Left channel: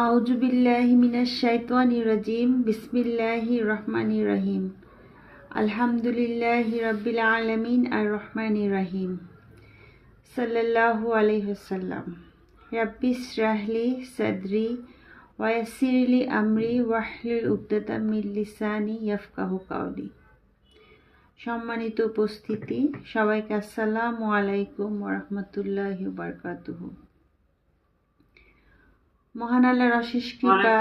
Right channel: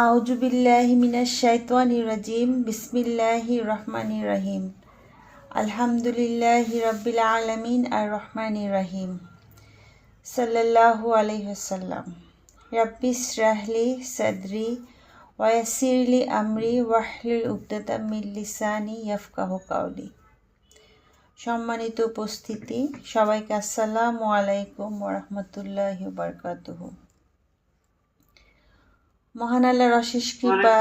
আউযু বিল্লাহি মিনাশ শাইতানির রাজিম বিসমিল্লাহির রহমানির রহিম আলহামদুলিল্লাহি রাব্বিল আলামিন আর রহমানির রহিম সাল্লাল্লাহু আলাইহি ওয়াসাল্লাম রাব্বি ইশরাহলি সাদরি ওয়া ইয়াসসিরলি আমরি ওয়াহলুল উকদাতাম মিন লিসানি ইয়াফকাহু কাওলি। সম্মানিত উপস্থিতি, সবাইকে আসসালামু আলাইকুম ওয়া রাহমাতুল্লাহি ওয়া বারাকাতুহু। মহান আল্লাহর অশেষ কৃপা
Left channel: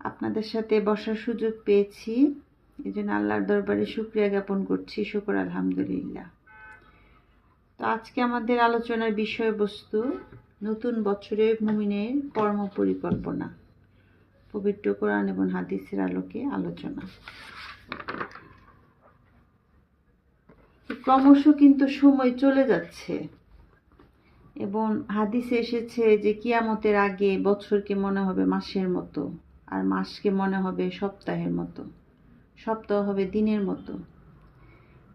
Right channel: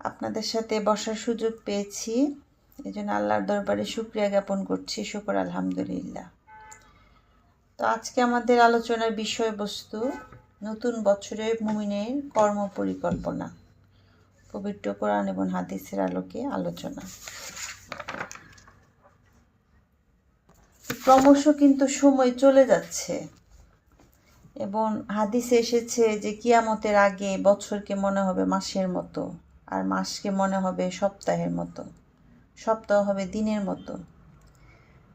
আপনাদের সাথে বসার সুযোগ পেয়েছি, এই জন্য আল্লাহর দরবারে শুকরিয়া জ্ঞাপন করছি। শুকর আলহামদুলিল্লাহ। তো আজকে আমাদের আলোচনার বিষয়বস্তু নতুন বছরে মুমিনের কর্ম পরিকল্পনা, পবিত্র কোরআন এবং হাদিসের আলোকে আলোচনা। ক্রমশ কিন্তু সময় চলে যাচ্ছে এবং হাদিসে এসেছে যে কিয়ামতের আগে বছরকে মনে হবে মাসের মতো, আর মাসকে মনে হবে সপ্তাহের মতো, সপ্তাহ হবে দিনের মতো।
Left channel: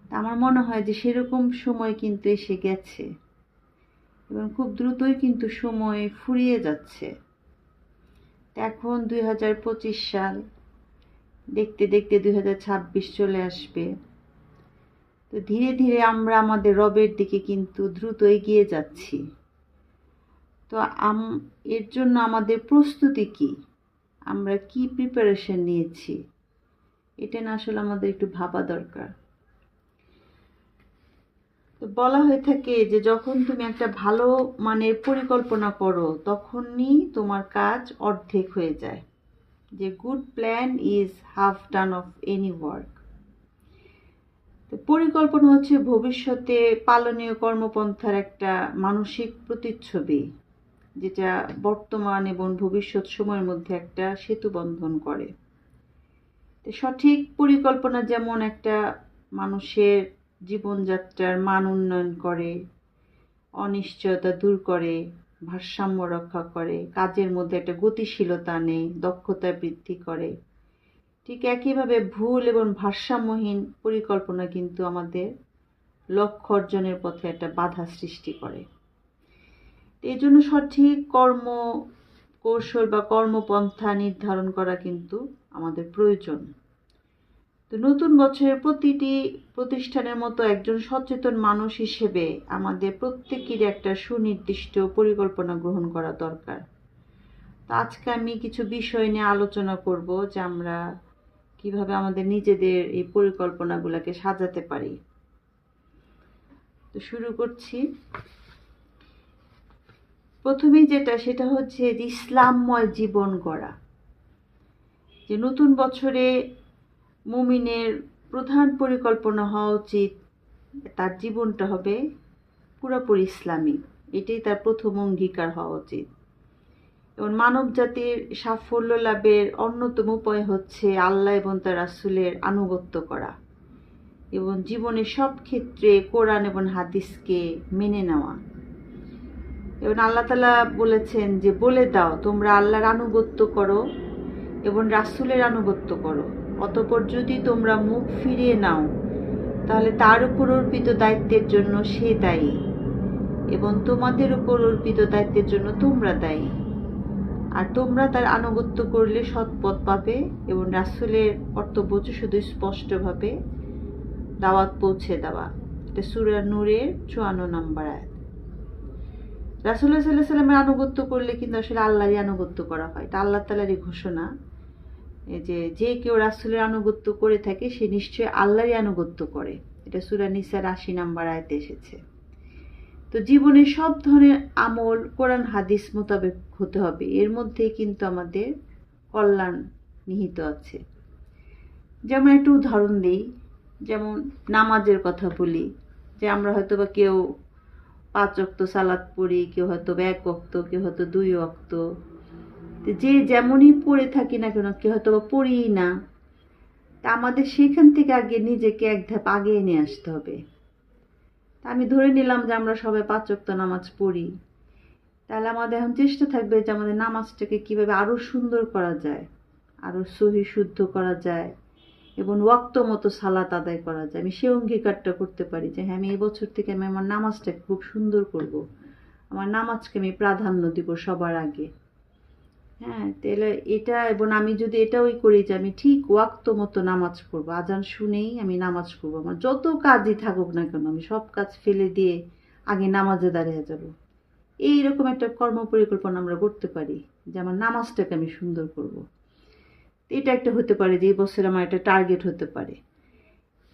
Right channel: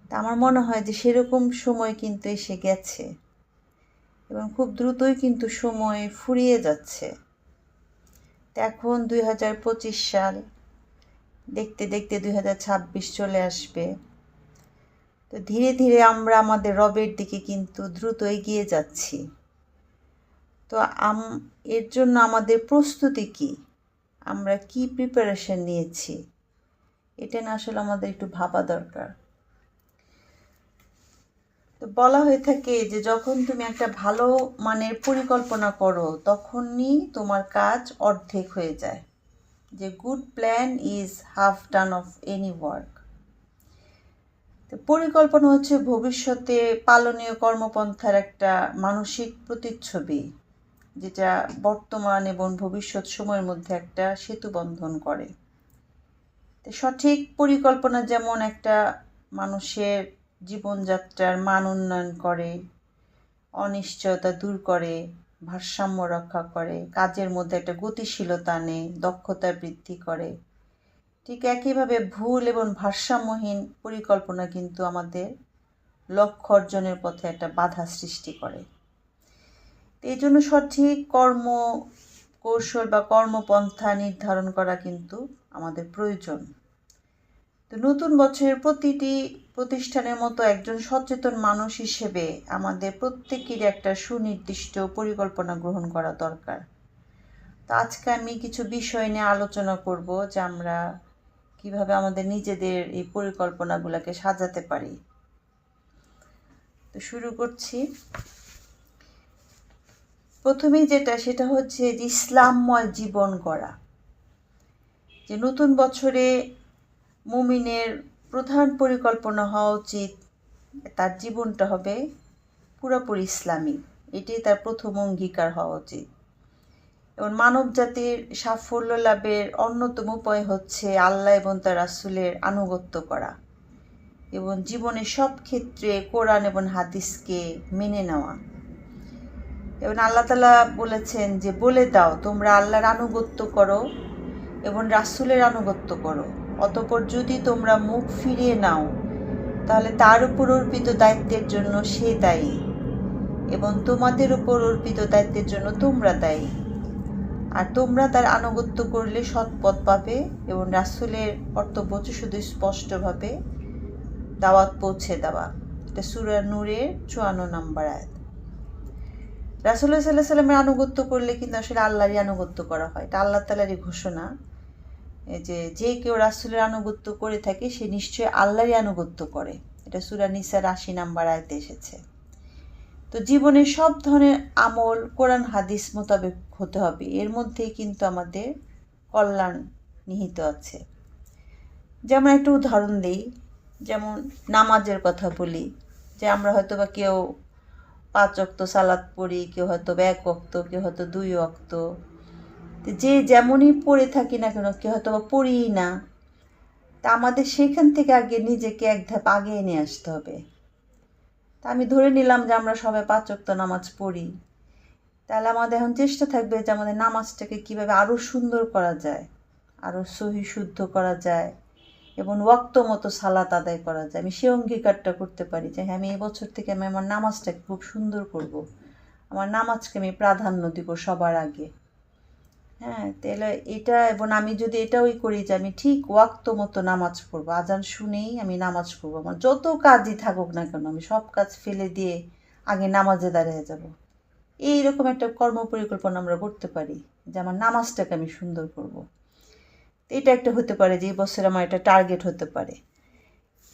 তা আমার মনে হয় যে সেরকম সময় কিন্তু এসে গেছে এবং খুব দ্রুতই কিন্তু সময় ফুরিয়ে যাচ্ছে। এখন 2025 সাল, দেখতে দেখতে 2026 চলে আসবে। তো ধীরে ধীরে আমরা আমাদের রবের দিকে কিন্তু দ্রুত এগিয়ে যাচ্ছি। তো এর জন্য আমাদের প্রস্তুতি কি, আমরা কি প্রিপারেশন নিয়েছি, এটা না আসলে আমাদের একটু ভাবা দরকার। তো বলা হয়ে থাকে যে যখন তুমি একটা ভালো মানের পরিকল্পনা করো তখনই তোমার কাজ অর্ধেক হয়ে যায়, যে good plan is half done of any work. তো পরিকল্পনা হচ্ছে ভবিষ্যতে পালনীয় কর্মপন্থার একটা মানসিক প্রতিচ্ছবি, যেটা বর্তমান এবং ভবিষ্যৎ সময়ের মধ্যে একটা সেতু বন্ধন করে। তো সঠিক পরিকল্পনা যেমন একটা মানুষের জীবনযাত্রার মান উন্নয়ন করে, অনিশ্চয়তা দূর করে, ভারসাম্য রক্ষা করে, কাজের মধ্যে একটা গতিশীলতা আনে, দক্ষতা বৃদ্ধি করে, ঠিক একইভাবে ভুল এবং ভারসাম্যহীন পরিকল্পনা কিন্তু আমাদের লক্ষ্য অর্জনের পথে একটা বাধা সৃষ্টি করে। এই জন্য সঠিক কৌশল বা কর্মপন্থা নির্ধারণ করা কিন্তু আমাদের প্রয়োজন। তো নতুন বছরের প্রতিটি প্রতিষ্ঠানের মতো একজন সচেতন মানুষ হিসেবে আমাদের প্রত্যেকেরই একটা সুনির্দিষ্ট পরিকল্পনা গ্রহণ করা দরকার। তো আজকে আমি কিছু বিষয় নিয়ে আলোচনা করব যে আমরা কিভাবে আমাদের নিজেদের এই পরিকল্পনাগুলোকে সাজাতে পারি। তো শুরু করছি। প্রথমেই সেটা হচ্ছে যে ইসলামময় জীবন গড়া। যে নতুন বছরে মুমিনের প্রধান পরিকল্পনা হওয়া উচিত, তার জীবনটা হবে পুরোপুরি ইসলামিক। এটাই তার প্রথম অঙ্গীকার হওয়া উচিত। এবং মানব জাতির সাফল্য লাভের অন্যতম উপায় হচ্ছে আল্লাহ এবং তার রাসূলের আনুগত্য করা এবং জীবনের সব ক্ষেত্রে কোরআন এবং হাদিসকে মেনে নেওয়া। এবং আল্লাহ তাআলা বলেছেন যে বলে দাও তোমরা আল্লাহর আনুগত্য করো এবং রাসূলের আনুগত্য করো, অতঃপর যদি তোমরা মুখ ফিরিয়ে নাও তাহলে তার উপর অর্পিত দায়িত্বের জন্য সে দায়ী এবং তোমাদের উপর অর্পিত দায়িত্বের জন্য তোমরা দায়ী। আর তোমরা তার আনুগত্য করলে সৎপথ পাবে এবং রাসূলের কর্তব্য হচ্ছে শুধু স্পষ্টভাবে দাওয়াত পৌঁছে দেওয়া। এটা সূরা নূরের 54 নম্বর আয়াত। রাসূলুল্লাহ সাল্লাল্লাহু আলাইহি ওয়াসাল্লামের আনুগত্য করলে কিন্তু আসলে আল্লাহরই আনুগত্য করা হয়। এটা আল্লাহ তাআলারই ঘোষণা যে কেউ রাসূলের আনুগত্য করে থাকে সে নিশ্চয়ই আল্লাহরই আনুগত্য করে। এটা সূরা নিসার 80 নম্বর আয়াতে এসেছে। তো জীবনের সব ধরনের আমল কোরআন হাদিস মোতাবেক হতে হবে, এর মধ্যেই কিন্তু আমাদের কল্যাণ নিহিত আছে। যেমন একটা উদাহরণ দিই, যেমন নামাজের কথা বলি, যে আমরা হয়তো বা কেউ 5 ওয়াক্ত সালাত পড়ি, কেউ হয়তো 1 ওয়াক্ত, কেউ হয়তো 2 ওয়াক্ত। যে যেমনই পড়ে থাকি না কেন, কেউ হয়তো বা পড়িই না। তা আমাদের সেখান থেকে আগে নিজেকে এক ধাপ আগে নিয়ে আসতে হবে। তা আমি ধরে নিলাম যে আমরা সবাই 5 ওয়াক্ত নামাজ পড়ি, তাহলে আমাদের এখন চেষ্টা থাকবে যে আমাদের নামাজটাকে কীভাবে আরও সুন্দর করা যায়, আরও সহি শুদ্ধ করা যায় এবং ওয়াক্ত মতো সালাত আদায় করা যায়। আমি সেই অঙ্গীকারটা করতে পারি যে হ্যাঁ, আমি এই বছর থেকে আমি আমার নামাজটাকে খুব সুন্দর করব, আমার নামাজকে আমি প্রাধান্য দিব সবার আগে। হ্যাঁ, তাহলে এটা, এবং আমি যদি এটাও করি যে আমি ঠিক ওয়াক্ত মতো নামাজ পড়বো, আজান শুনেই আমি নামাজ পড়বো, আমার যত কাজই থাকুক না কেন আমি সব কাজ ফেলে দিয়ে আগে নামাজে দাঁড়িয়ে যাব। এইরকম একটা কর্ম পরিকল্পনা আমরা করতে পারি যে আমার নামাজটাকে আমি সুন্দর করব। এটা একটা হতে পারে যে এই বছর আমার একটা টার্গেট হতে পারে।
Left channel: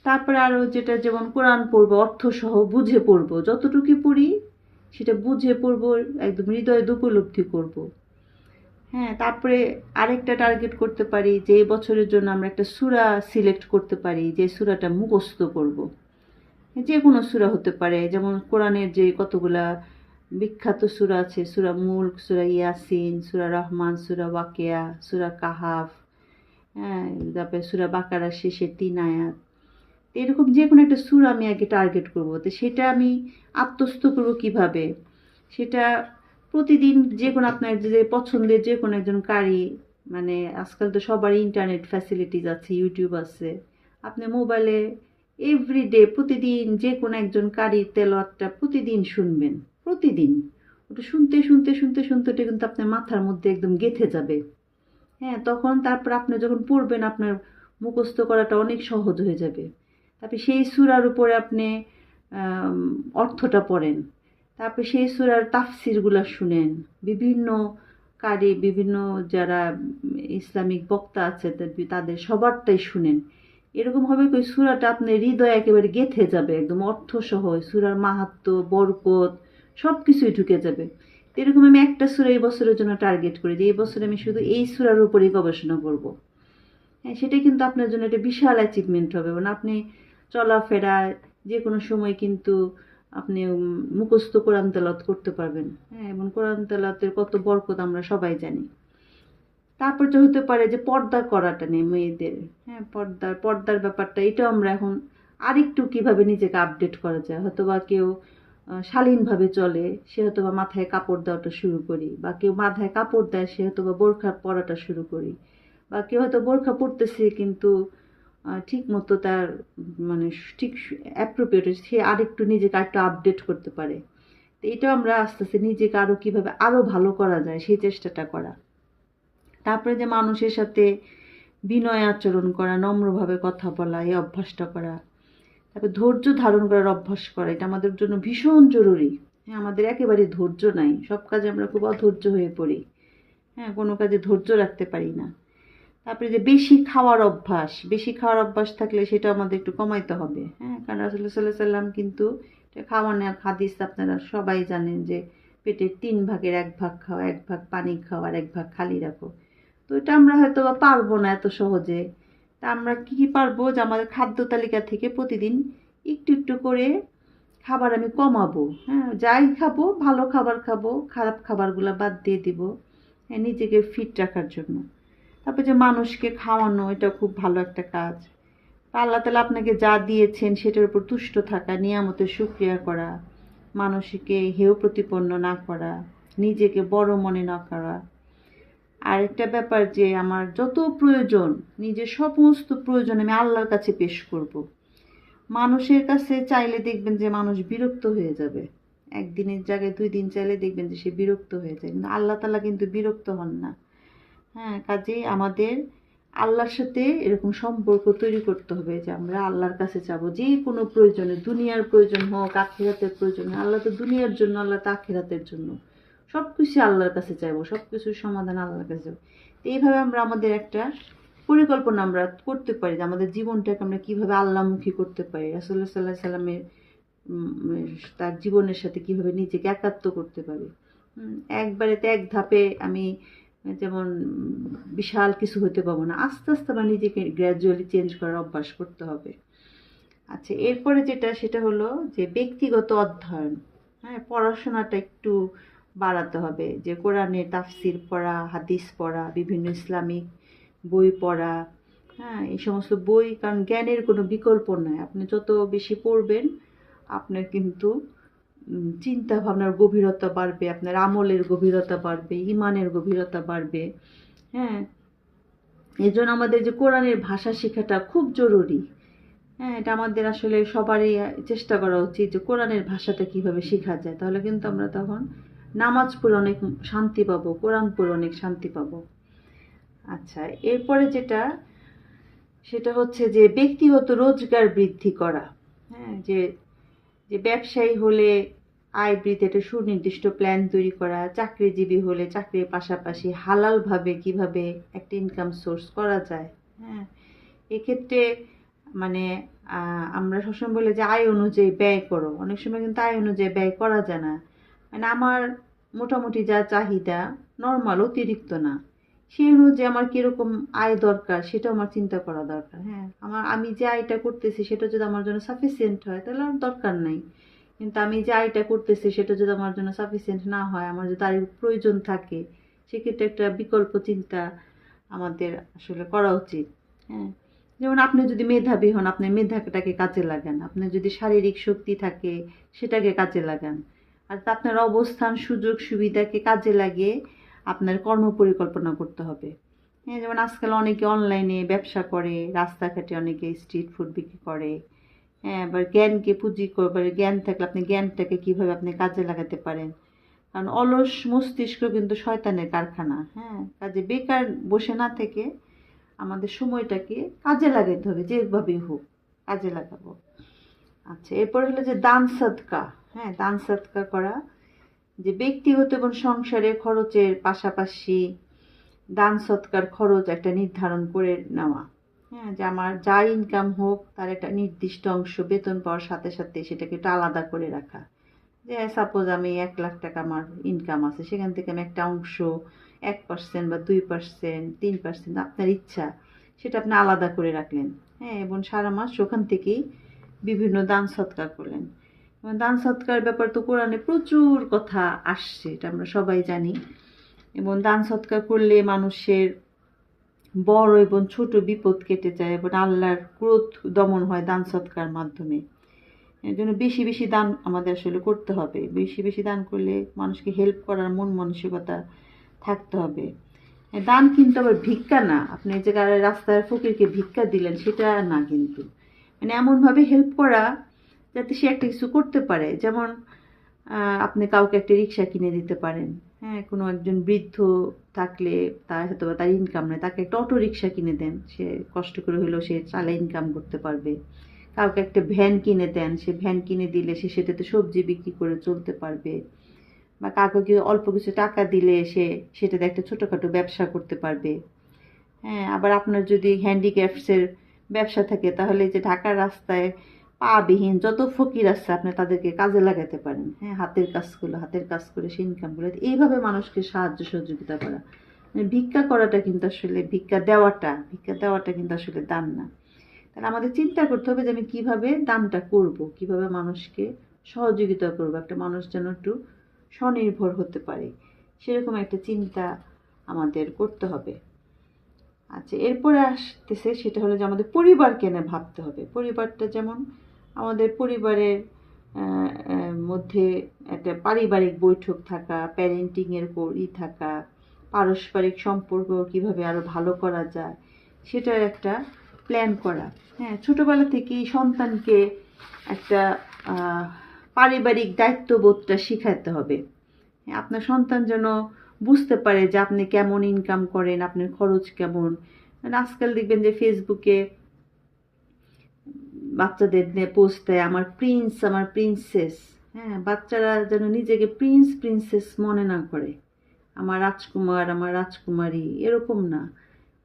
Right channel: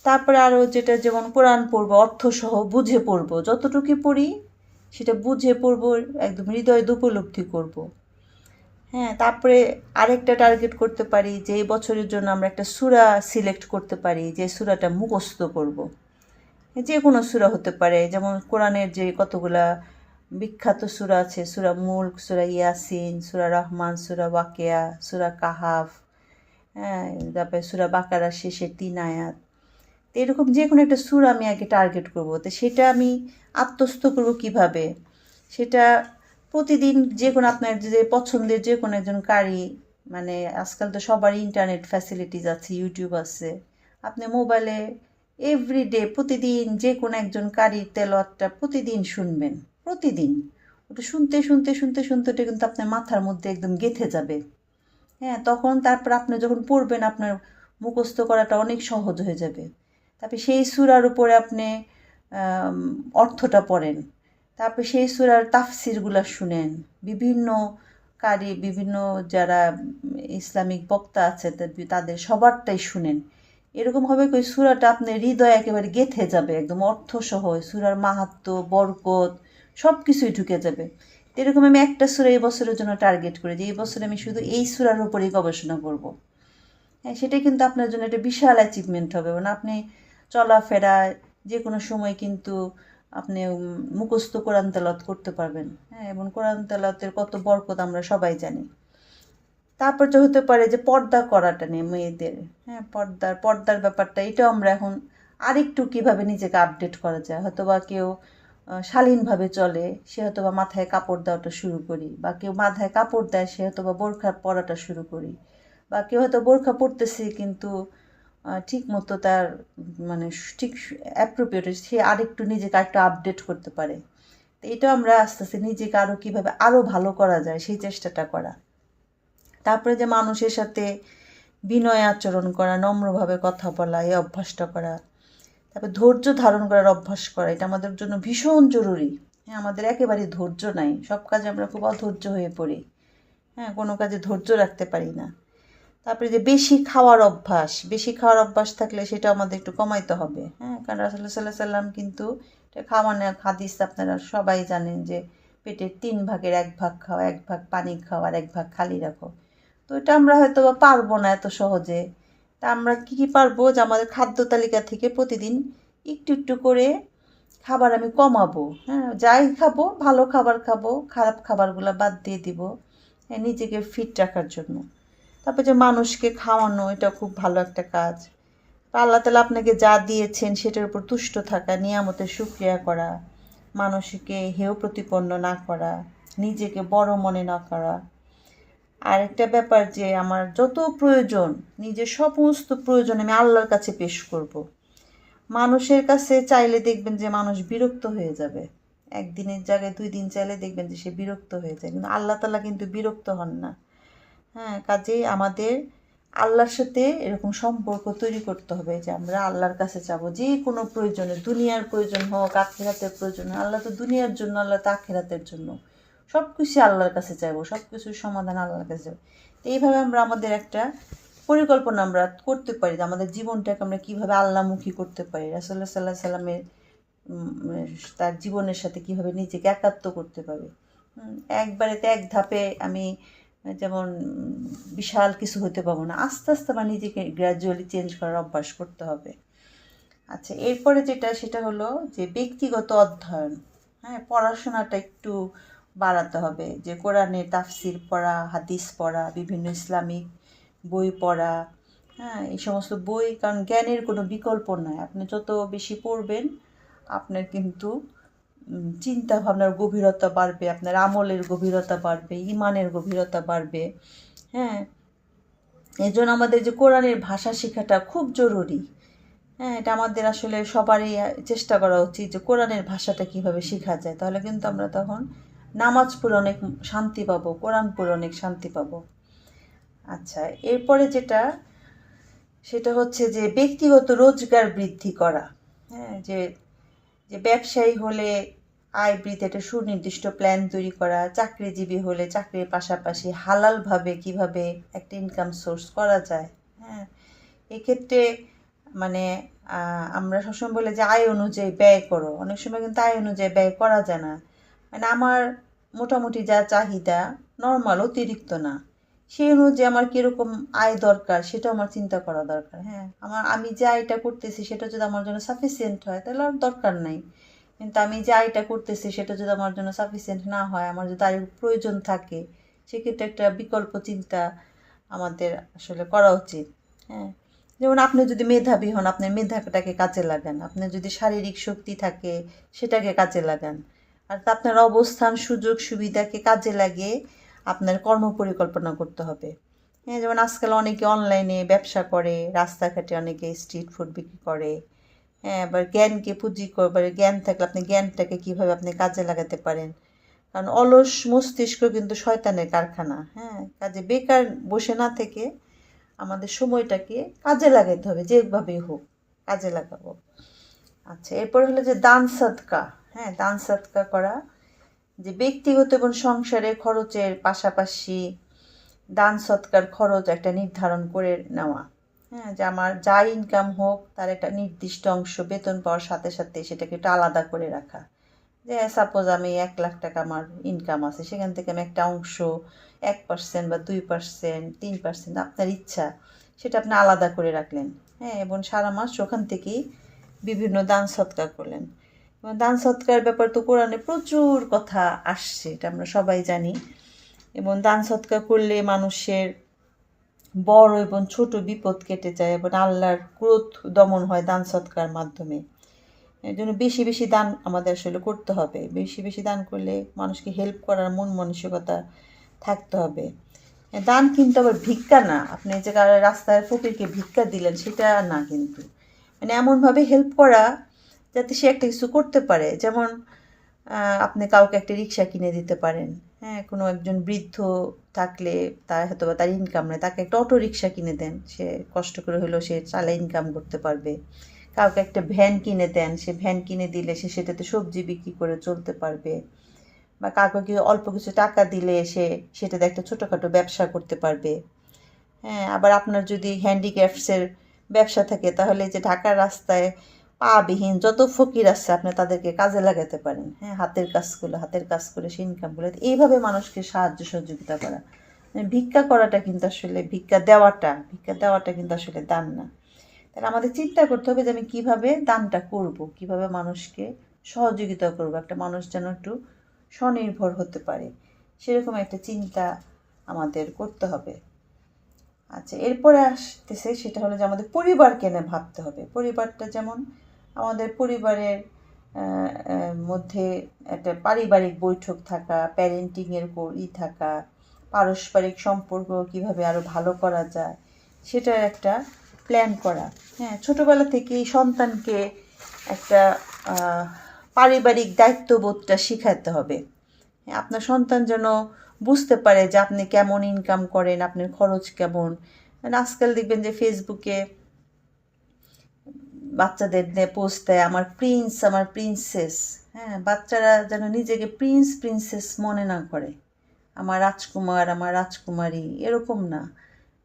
তারপরে আরও যেটা, যেমন কোরআন পড়বো অর্থসহ বুঝে পড়বো, যতটুকু পড়ি সেটা বুঝে পড়বো, একদম হৃদয় উপলব্ধি করব। হ্যাঁ, তারপরে আরেকটা টার্গেট করতে পারি যে এই বছরের জন্য আমরা একটা সূরা সিলেক্ট করতে পারি, যে সূরাটা মুখস্থ করব। যে কোনো সূরা হতে পারে, যেমন কোরআনের যে কতগুলা বিখ্যাত সূরা আছে, সূরা মুলক, সূরা ইয়াসিন, সূরা রহমান, সূরা ওয়াকিয়া, সূরা কাহাফ, হ্যাঁ, তারপরে সূরা বাকারার শেষের 3 আয়াত। তো এরকম যে কোনো একটা সূরা আমি আগে টার্গেট করব। তো সেটা আমি আত্মস্থ করব কিভাবে, সেটা প্রতিদিন যে কোনো আপনার যে পছন্দের যে কোনো একজন কারি, মানে আজকাল তো সবারই ইন্টারনেট ফ্যাসিলিটিস আছে, ইউটিউব আছে, আপনি মোবাইলে এভরিডে প্রতিদিন যে কোনো একজন কারির তেলাওয়াতটা প্রতিদিন শুনবেন। প্রতিদিন ওটা শুনতে শুনতে শুনতে শুনতে ওটা কিন্তু আপনার মাথার মধ্যে একদম গেঁথে যাবে। হ্যাঁ, তখন তারপর আপনি যখন পড়বেন আপনার মুখস্থ করাটা অনেক সহজ হয়ে যাবে। তারপরে সেই সূরার উপরে আপনি অর্থটা পড়েন, তারপরে সেই সূরার তাফসিরগুলো শুনেন, বিভিন্ন কারি, বিভিন্ন যারা ইসলামিক বক্তা আছে তাদের সবারটাই শুনেন। এরকম হবে ওই সূরাটা আপনার হৃদয়ে একেবারে গেঁথে যাবে, একদম অর্থসহ সূরার মাহাত্ম্য, বরকত সব কিছুই ঢুকে যাবে। এরকম আমি একটা সূরা এই বছরের জন্য টার্গেট করি যে এই বছর আমি শুধু এই সূরার উপরেই গবেষণা করব। হ্যাঁ, সেটা কিন্তু আপনার জন্য একটা বিশাল অ্যাচিভমেন্ট হবে। মানে আপনি চলাফেরা যে কোনো সময় কিন্তু আপনি মুখস্থ কোরআন তেলাওয়াত করতে পারবেন। হ্যাঁ, এবং কোরআন তেলাওয়াতের কত বরকত আমরা সবাই জানি। তারপর যে হতে পারে যে পর্দা করাটা নিয়ে মেয়েদের, হ্যাঁ, পর্দার ব্যাপারটা, এটাও আমরা এখন আরেকটু কীভাবে নিজেকে আপডেট করা যায়। হয়তো বা কেউ শালীনভাবে চলে, সে হয়তো বা মাথায় কাপড় দেওয়াটা শুরু করি, বা কেউ মাথায় কাপড় দেয় সে হয়তো বা বোরখা পরাটা শুরু করি, বা কেউ হয়তো বোরখা পরতেছে কিন্তু ঠিক মতো তার মানে ঠিক অ্যাপ্রোপ্রিয়েট, সে আরেকটু নিজেকে আরেকটু আপডেট করতে পারে। তো এটা আমরা আস্তে আস্তে নিজেকে আরও কীভাবে আরও ভালো করা যায় সেই চেষ্টাটা করা। তারপরে যে মানুষের সাথে বিনয় আচরণ করা, নম্রভাবে কথা বলা, এই অভ্যাসটা করা। তারপর ধৈর্য ধারণ করার অভ্যাস করা, এটা আমাদের জন্য ভীষণ জরুরি। হ্যাঁ, আমাদের একেবারে ধৈর্য নাই, সব কাজে আমরা খুব অধৈর্য হয়ে পড়ি। হ্যাঁ, কোনো কাজে ধৈর্য রাখতে পারি না। তারপরে যে বেশি খাওয়ার অভ্যাস থাকলে সেটা আমাদের একটু কমাইতে হবে। হ্যাঁ, কারণ রাসূলুল্লাহ সাল্লাল্লাহু আলাইহি ওয়াসাল্লাম কিন্তু খাওয়ানোর হাদিস আপনারা সবাই জানেন যে পেটের 3 ভাগের 1 ভাগ খাও, 1 ভাগ পানি খাও, আর 1 ভাগ খালি রাখো। তো এটা আমরা হয়তো পারবো না এত সহজে। তা আমরা কী পারবো, যে আমাদের খাদ্য তালিকা থেকে প্রতিদিন একটু একটু করে খাবার আমি কমাবো। হ্যাঁ, যাই খাবো ভালো খাবার খাবো, খারাপ খাবারগুলো বাদ দিয়ে দিব, হ্যাঁ, নিজেকে ফিট রাখার জন্য। তারপর যে মানুষকে খাওয়ানো, এটা খুব ভালো একটা কাজ। আল্লাহ তাআলা আপনাকে যা দিয়েছেন সেটার উপর তুষ্ট থাকা, নিয়ামতের শুকরিয়া করা, মানুষকে হেয় প্রতিপন্ন না করা, নিজেকে বড় মনে না করা। আর একটা ব্যাপার যে আমার যত প্রয়োজন, নিজের সমস্ত প্রয়োজন আমি আল্লাহর কাছে পেশ করব। মানুষের কাছে চাইলে দেখবেন যে মানুষ বিরক্ত হয়ে যাবে, একদিনের জায়গায় 2 দিন চাইলে দেখবেন যে সে বিরক্ত হয়ে যায়, কিন্তু আল্লাহ তাআলা কিন্তু বিরক্ত হন না। হ্যাঁ, কাজেই আমাদের আল্লাহর সাথে এরকম সম্পর্ক তৈরি করতে হবে যে আমরা আল্লাহর কাছে চাবো যে কোনো প্রয়োজনে, দুনিয়ার প্রয়োজন হোক, আখিরাতের প্রয়োজন হোক। আল্লাহ তো দুনিয়ার জন্য, আল্লাহ তো আখিরাতের জন্য, সব কিছু আল্লাহর কাছে চাইবো, সব কিছুর সমাধান আল্লাহর কাছে চাইবো। তো এইভাবে আমরা আমাদের একটা পরিকল্পনা আমরা করতে পারি যে আমাদের জীবনটাকে আমরা কীভাবে আল্লাহমুখী করতে পারি, রাসূলুল্লাহ সাল্লাল্লাহু আলাইহি সাল্লামের তার জীবনের সাথে কীভাবে নিজেকে একাত্ম করতে পারি। একবারেতে এক ধাপে আমি যেমন বিশাল কিছু হতে পারবো না, আস্তে আস্তে আমার নিজেকে গ্র্যাজুয়ালি চেঞ্জ করার অভ্যাস করতে হবে। আচ্ছা, এরপরে যেটা সেটা হলো যে ব্যক্তিগত অধ্যয়ন। হ্যাঁ, পড়াশোনাটা একটু বাড়াতে হবে, যে কোরআনের তাফসির পড়া, হাদিস পড়া, বিভিন্ন ইসলামিক বই পড়া। হ্যাঁ, এই সমস্ত বই, কারণ জ্ঞানের কোনো বিকল্প নয়। আপনি যত বেশি পড়বেন আপনার কিন্তু চিন্তা ভাবনার গভীরতা বাড়বে, আপনার আমলের গভীরতা বাড়বে, ইমানের গভীরতা বাড়বে। হ্যাঁ, এই জন্য আমাদের যে কোরআনের ভাষা শেখাটা খুব জরুরি। হ্যাঁ, এটা আমাদের আসলে সবারই চেষ্টা করা উচিত যে কোরআনের ভাষাটা কিভাবে শেখা যায়, তাহলে কিন্তু আমরা তখন নামাজ পড়ে অনেক শান্তি পাবো, কোরআন পড়ে অনেক শান্তি পাবো। আচ্ছা, এরপরে যেটা সেটা হচ্ছে যে ব্যক্তিগত রোজগার বৃদ্ধি করা। হ্যাঁ, যে যে ব্যবসায়ী হলে আয় বৃদ্ধি একটা সুনির্দিষ্ট প্ল্যান তৈরি করা, চাকরিজীবী হলে চাকরির পাশাপাশি হালালভাবে কিভাবে একটা ইনকাম সোর্স করা যায়। হ্যাঁ, এক্ষেত্রে মানে আমরা সবসময় বলে যে আয় অনুযায়ী ব্যয় করো, অনেক সময় কিন্তু আয় অনুযায়ী ব্যয় করা যায় না। মানে আমার মোটামুটি যা চাহিদা নর্মাল, অতিরিক্ত না, সেই অনুযায়ী আমার কীরকম আয় দরকার সেটাও আমার চিন্তা করা দরকার। হ্যাঁ, আমি যে আয়টা করতেছি সেটা যদি আমার জন্য সাফিসিয়েন্ট হয় তাহলে আর দরকার নাই, কিন্তু আমি যে আয়টা করতেছি সেটা যদি আমার জন্য সাফিসিয়েন্ট না হয়, আমার যদি আয়ের প্রয়োজন থাকে, সেক্ষেত্রে একটা বিকল্প চিন্তা আমাদের আসলে করা উচিত। হ্যাঁ, যেমন আপনি যদি মেধাবী হন, আপনার মেধাটাকে কাজে লাগান, আপনার যদি শারীরিক শক্তি থাকে সেটাকে কাজে লাগান, আর আপনার অবস্থান সুযোগ সুবিধাকে কাজে লাগিয়ে আপনার কর্মপরিকল্পনা করতে হবে। হ্যাঁ, যেমন আজকাল অনেকে অনলাইনে ব্যবসা করে, রাস্তাঘাটে অনেকে স্ট্রিট ফুড বিক্রি করে। হ্যাঁ, এবার জ্ঞানকে পুঁজি করবার, জ্ঞান থাকলে আপনি জ্ঞানটাকে কীভাবে আপনি কাজে লাগাতে পারেন, কারণ অলস মস্তিষ্ক কিন্তু শয়তানের কারখানা। হ্যাঁ, কাজে বেকার বসে না থেকে আমাদের সময়টাকে কাজে লাগাতে হবে, যেভাবেই হোক কাজে লাগাবো। আচ্ছা, এরপর হলো যে দান সদকা। হ্যাঁ, দান সদকা করা, যে ব্যক্তিগত এবং সংসারের খরচের পাশাপাশি দান সৎকার খরচ একটা নির্ধারণ করে নেওয়া। হ্যাঁ, যে আমার যা ইনকাম হোক তার একটা নির্দিষ্ট অংশ বেতন পাওয়ার সাথে সাথে সেটাকে একটু আলাদা করে রাখা। যে সাপোজ আমি 1,00,000 টাকা আমার ইনকাম আছে, সেখান থেকে আমি একটা অংশ 1% বা 2%, 3%, আপনার ইচ্ছা, সেটা আপনি আলাদা করে রাখলেন। হ্যাঁ, এবং সারা মাস ওখান থেকেই বিভিন্ন দান সৎকার করলেন। এবং দান সৎকার ব্যাপার তো কোরআনে প্রচুর কথা আসছে, এটা আমরা সবাই জানি। এবং দান সৎকার করলে মানুষের বড় এবং ছোট বিপদ কেটে যায় এবং আল্লাহর ক্রোধ দমন হয় দান সৎকার মাধ্যমে। এর জন্য বেশি বেশি দান আমাদের আসলে করতে হবে। বেশি বেশি দান করলে মানুষকে হেল্প করার মন মানসিকতা থাকতে হবে। দান কিন্তু আবার ভিক্ষা না, আপনি যে রাস্তার ফকিরকে ভিক্ষা দিলেন সেটা না, কিন্তু মানে এমনভাবে হেল্প করা যাতে সে একটা কিছু করতে পারে। যেমন আপনি কাউকে একটা রিক্সা কিনে দিতে পারেন। হ্যাঁ, কোনো একজন বৃদ্ধ থাকলে তার হয়তো বা তার ইনকাম নেই, তাকে একটা অটো রিক্সা কিনে দেন, সে কষ্ট করে হলেও সে চালায় ইনকাম করতে পারবে। কাউকে একটা ভ্যান কিনে দেন, সে ভ্যান কিনে দিলে সে সেটাতে সবজি বিক্রি করে চলতে পারবে। বা কাউকে অল্প কিছু টাকা দিলে সে সেটাতে একটা ছোটোখাটো ব্যবসা করতে পারবে। হ্যাঁ, আবার আপনার যদি হ্যান্ডিক্রাফটসের ব্যবসা থাকে তাহলে যে ঢাকার রাস্তায় পাবিহীন যত ফকির আছে আপনি তাদেরকে কাজে লাগাতে পারেন। হ্যাঁ, হাতের কাজ করে সে ইনকামগুলো, এইভাবে মানুষকে সাহায্য সহযোগিতা করা। ভিক্ষা করাটা কিন্তু আসলে ভিক্ষা দেওয়াটা কিন্তু আসলে দান না। তাহলে আমাদের চিন্তা করতে হবে যে আমি কীভাবে দানটা করব, কিভাবে মানুষকে সহযোগিতা করব, একটা মানুষ যেন একটু স্বনির্ভর হতে পারে, সেরকম একটা চিন্তা আমাদের করতে হবে। আচ্ছা, এরপরে আসতেছে সেটা হলো যে আমাদের পরিবারকে নিয়ে ভাবতে হবে। পরিবারটা যেমন আমাদের পরিবারের মধ্যে একটা পারিবারিক বৈঠক থাকা, প্যারেন্টিংয়ের থাকা, পারস্পরিক সম্পর্ক কিভাবে আরও ভালো করা যায় সেটার একটা প্ল্যান করা। হ্যাঁ, ছোটোবেলা থেকেই সন্তানকে একটা পারিবারিক দায়িত্ববোধটা শিখাতে হবে। আপনার সন্তান যেন বুঝতে পারে যে আপনি কেমন ইনকাম করেন, আপনার খরচ কেমন। মানে আজকাল দেখবেন যে ফেসবুকে বাচ্চাদের নিয়ে পোস্ট দেয়, আমার প্রিন্স, আমার প্রিন্সেস। হ্যাঁ, বাচ্চারা যেন নিজেকে প্রিন্সেস মনে না করে, আমার রাজকুমার, আমার রাজকুমারী, এরকম না।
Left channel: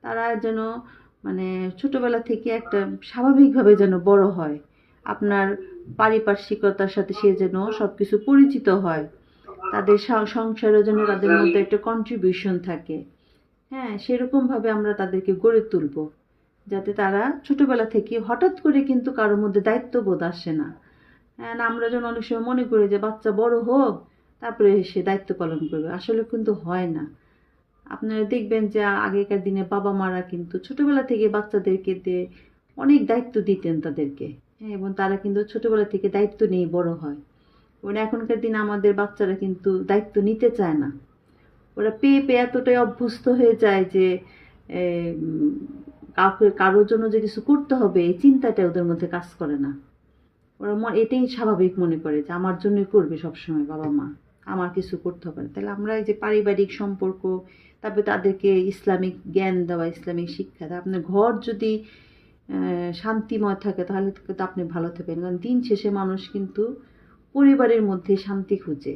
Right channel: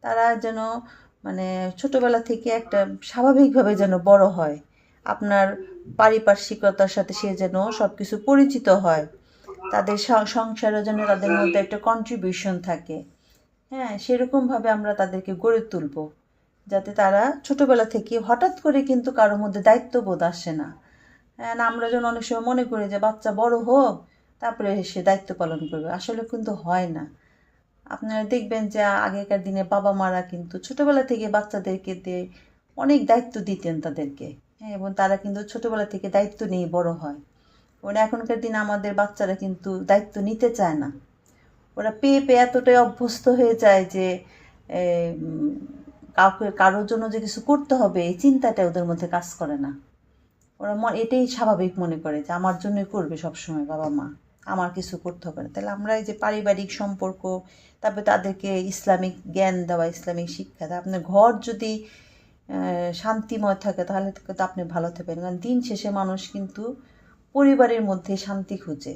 তারা যেন মানে ছোটোবেলা থেকে একটা স্বাভাবিকভাবে যেন বড় হয়, আপনার পারিপার্শ্বিকতার সাথে সে যেন সব কিছু পরিচিত হয়, তাদের সংসারের জন্য তাদের মধ্যে একটা কন্ট্রিবিউশন থাকে। হ্যাঁ, সেরকমভাবে আমরা তাদেরকে গড়ে তুলব, যাতে তারা ছোটোবেলা থেকে হঠাৎ করে কিন্তু কারোর মধ্যে দায়িত্ববোধ আসে না। হ্যাঁ, আমরা যেন অনেক সময় মনে করি যে বাচ্চা বড় হোক তারপরে সে দায়িত্ব পালন করবে, আসলে কিন্তু হয় না। আপনারা দেখবেন যে আগেকার দিনে বাবা মারা কিন্তু ছোটোবেলা থেকে বাচ্চাদেরকে দিয়ে অনেক দায়িত্ব দিতেন তাদেরকে। হ্যাঁ, এবং তারা কিন্তু ছোটোবেলা থেকে দায়িত্ব নিয়ে বড় হয়। এবং এখনকার দিনে আমাদের বাচ্চারা কিন্তু দায়িত্ব নিতে চায় না, ওরা পেয়ে এতটাই অভ্যস্ত হয়ে যায় যে কারোর জন্য যে কিছু করতে হবে এই চিন্তাটা ওদের মধ্যে কাজ করে না। ওরা এটাই স্বাভাবিক মনে করে যে আমার জন্যই করবে সবসময় বাবা মা, আমার কিছু করতে হবে না। তাহলে আমরা এই যে পারিবারিক সম্পর্ক, তারপরে তাদেরকে ইসলামিক জ্ঞান দেওয়া, ইসলামিক শিক্ষা দেওয়া, আপনার ঘর যদি শান্তিময় থাকে তাহলে তো আপনি ভালো থাকবেন। কারণ দিন শেষে মানুষ কিন্তু পরিবারের মধ্যে শান্তি খুঁজে,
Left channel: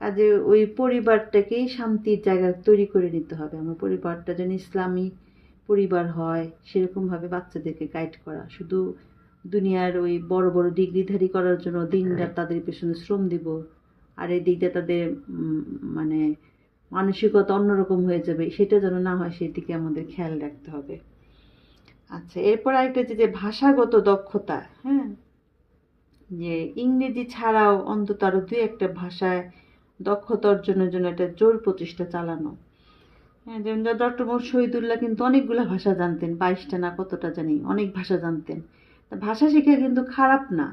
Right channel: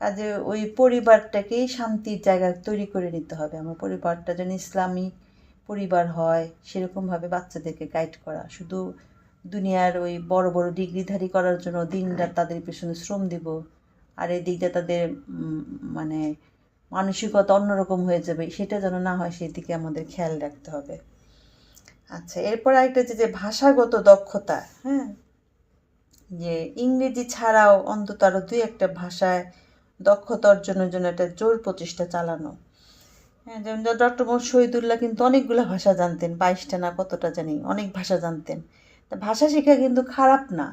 কাজে ওই পরিবারটাকেই শান্তির জায়গা তৈরি করে নিতে হবে। আমার পরিবারটা যেন ইসলামিক পরিবার হয় সেরকমভাবে বাচ্চাদেরকে গাইড করা। শুধু দুনিয়ার ওই বড় বড় ডিগ্রিধারী করার জন্য দিনরাত তাদের পেছনে শ্রম দিব, আর এই দিকটা তাদের মানে মানসিকতা অন্যরকম হয়ে যাবে, সেটা যেন না হয় সেই দিকে আমাদের খেয়াল রাখতে হবে। আচ্ছা, এরপর আরেকটা যে ভাষাগত দক্ষতা, হ্যাঁ, যে ইংরেজি ছাড়াও অন্তত আরও 2-1টা ভাষায় দক্ষতা অর্জনের জন্য একটা জোর প্রচেষ্টা চালানো। হ্যাঁ, যেমন ডক্টর মোহাম্মদ শহীদুল্লাহ কিন্তু অনেকগুলো ভাষা জানতেন, 22টা না কতটা জানি, অনেক ভাষা জানতেন। তা ভাষা শেখা কিন্তু খারাপ না।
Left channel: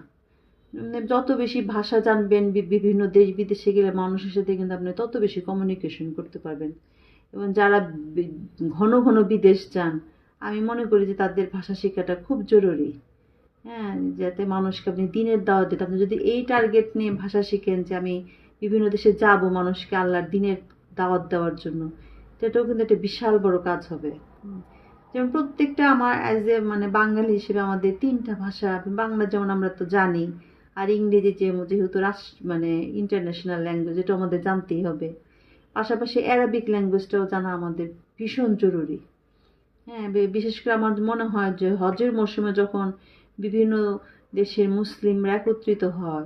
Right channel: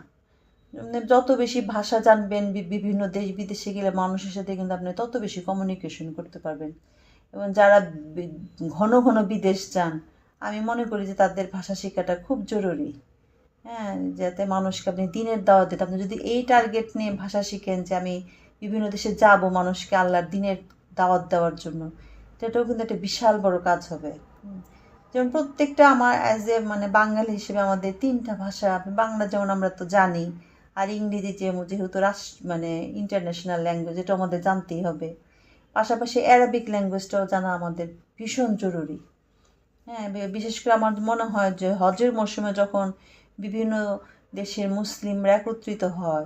যত বেশি ভাষা জানবেন, বিভিন্ন দেশ বিদেশে গেলে মানুষের সাথে কিন্তু আপনি তত বেশি কমিউনিকেশন করতে পারবেন। এবং যারা ঘন ঘন বিদেশ যান, আমি মনে করি যে তাদের ভাষা শেখাটা খুব জরুরি। হ্যাঁ, যাতে মানুষকে আপনি দিনের দাওয়াত দিতে, আপনি যদি এই টার্গেট নিয়ে ভাষা শিখেন যে আমি বিভিন্ন দেশে যাব মানুষকে আল্লাহর দিনের দাওয়াত দেওয়ার জন্য, সেটাও কিন্তু একটা বিশাল বড় কাজ হবে। যেমন প্রত্যেকটা আমার অ্যাজ এ বাঙালি হিসেবে আমাদের 3টা ভাষা, বাংলা যেমন আমরা তো জানি, আর ইংরেজি যেহেতু ইন্টারন্যাশনাল ল্যাঙ্গুয়েজ, এটা আমাদের জানতেই হবে। পাশাপাশি অ্যারাবিক ল্যাঙ্গুয়েজটাও জানা আমাদের ভীষণ জরুরি। হ্যাঁ, বিশেষ করে আমার মনে হয় যে হজের মৌসুমে যখন বিভিন্ন দেশের মুসলিমরা একত্রিত হয়,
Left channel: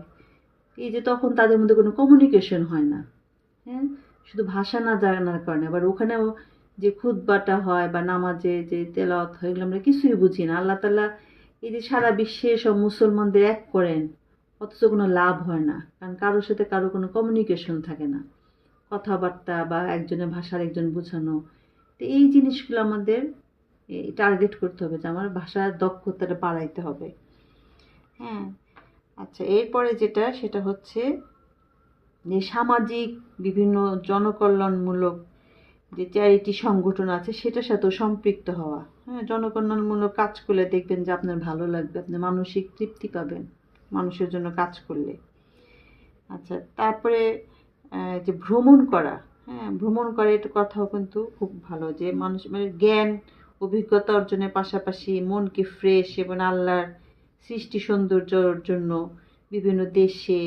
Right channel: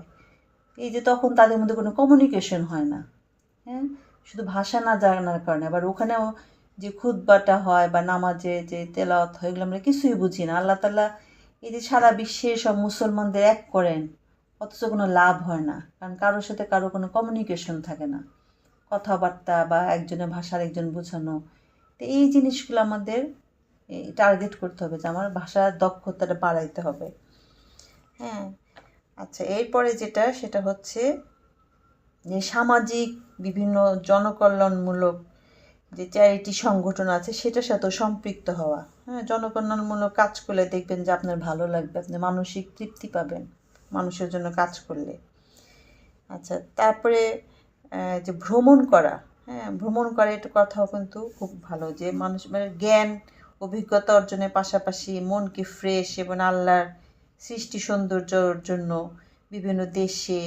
এই যে তখন তাদের মধ্যে কোনো কমিউনিকেশন হয় না। হ্যাঁ, শুধু ভাষা না জানার কারণে। আবার ওখানেও যে খুতবাটা হয় বা নামাজে যে তেলাওয়াত হয়, এগুলো আমরা কিছুই বুঝি না। আল্লাহ তাআলা এই যে সারা বিশ্বে সব মুসলমানদের এক করেন, অথচ কোনো লাভ হয় না, কারণ কারোর সাথে কারো কোনো কমিউনিকেশন থাকে না, কথাবার্তা বা একজনের ভাষা আরেকজন বোঝানো। তো এই জিনিসগুলো আমাদের টার্গেট করতে হবে যে আমার ভাষার দক্ষতাটা বাড়াইতে হবে। হ্যাঁ, আচ্ছা, এরপরে সেটা হচ্ছে যে সামাজিক বিভিন্ন জনকল্যাণমূলক যে চ্যারিটি সংগঠন আছে সেটার সাথেও সম্পৃক্ত হওয়া। হ্যাঁ, জনকল্যাণমূলক কাজ করলে দেখবেন যে আপনার ভালো লাগবে, আপনি মানসিক তৃপ্তি পাবেন মানুষের জন্য কাজ করলে। আচ্ছা, তারপরে যে ভ্রমণ করা, হ্যাঁ, ভ্রমণ করা এটা কথাও কিন্তু খুব ভালো, যে মানুষ জ্ঞান অভিজ্ঞতা অর্জনের পাশাপাশি মনকে ফ্রেশ এবং আল্লাহর সৃষ্টি সৌন্দর্যর জন্য বিভিন্ন দেশে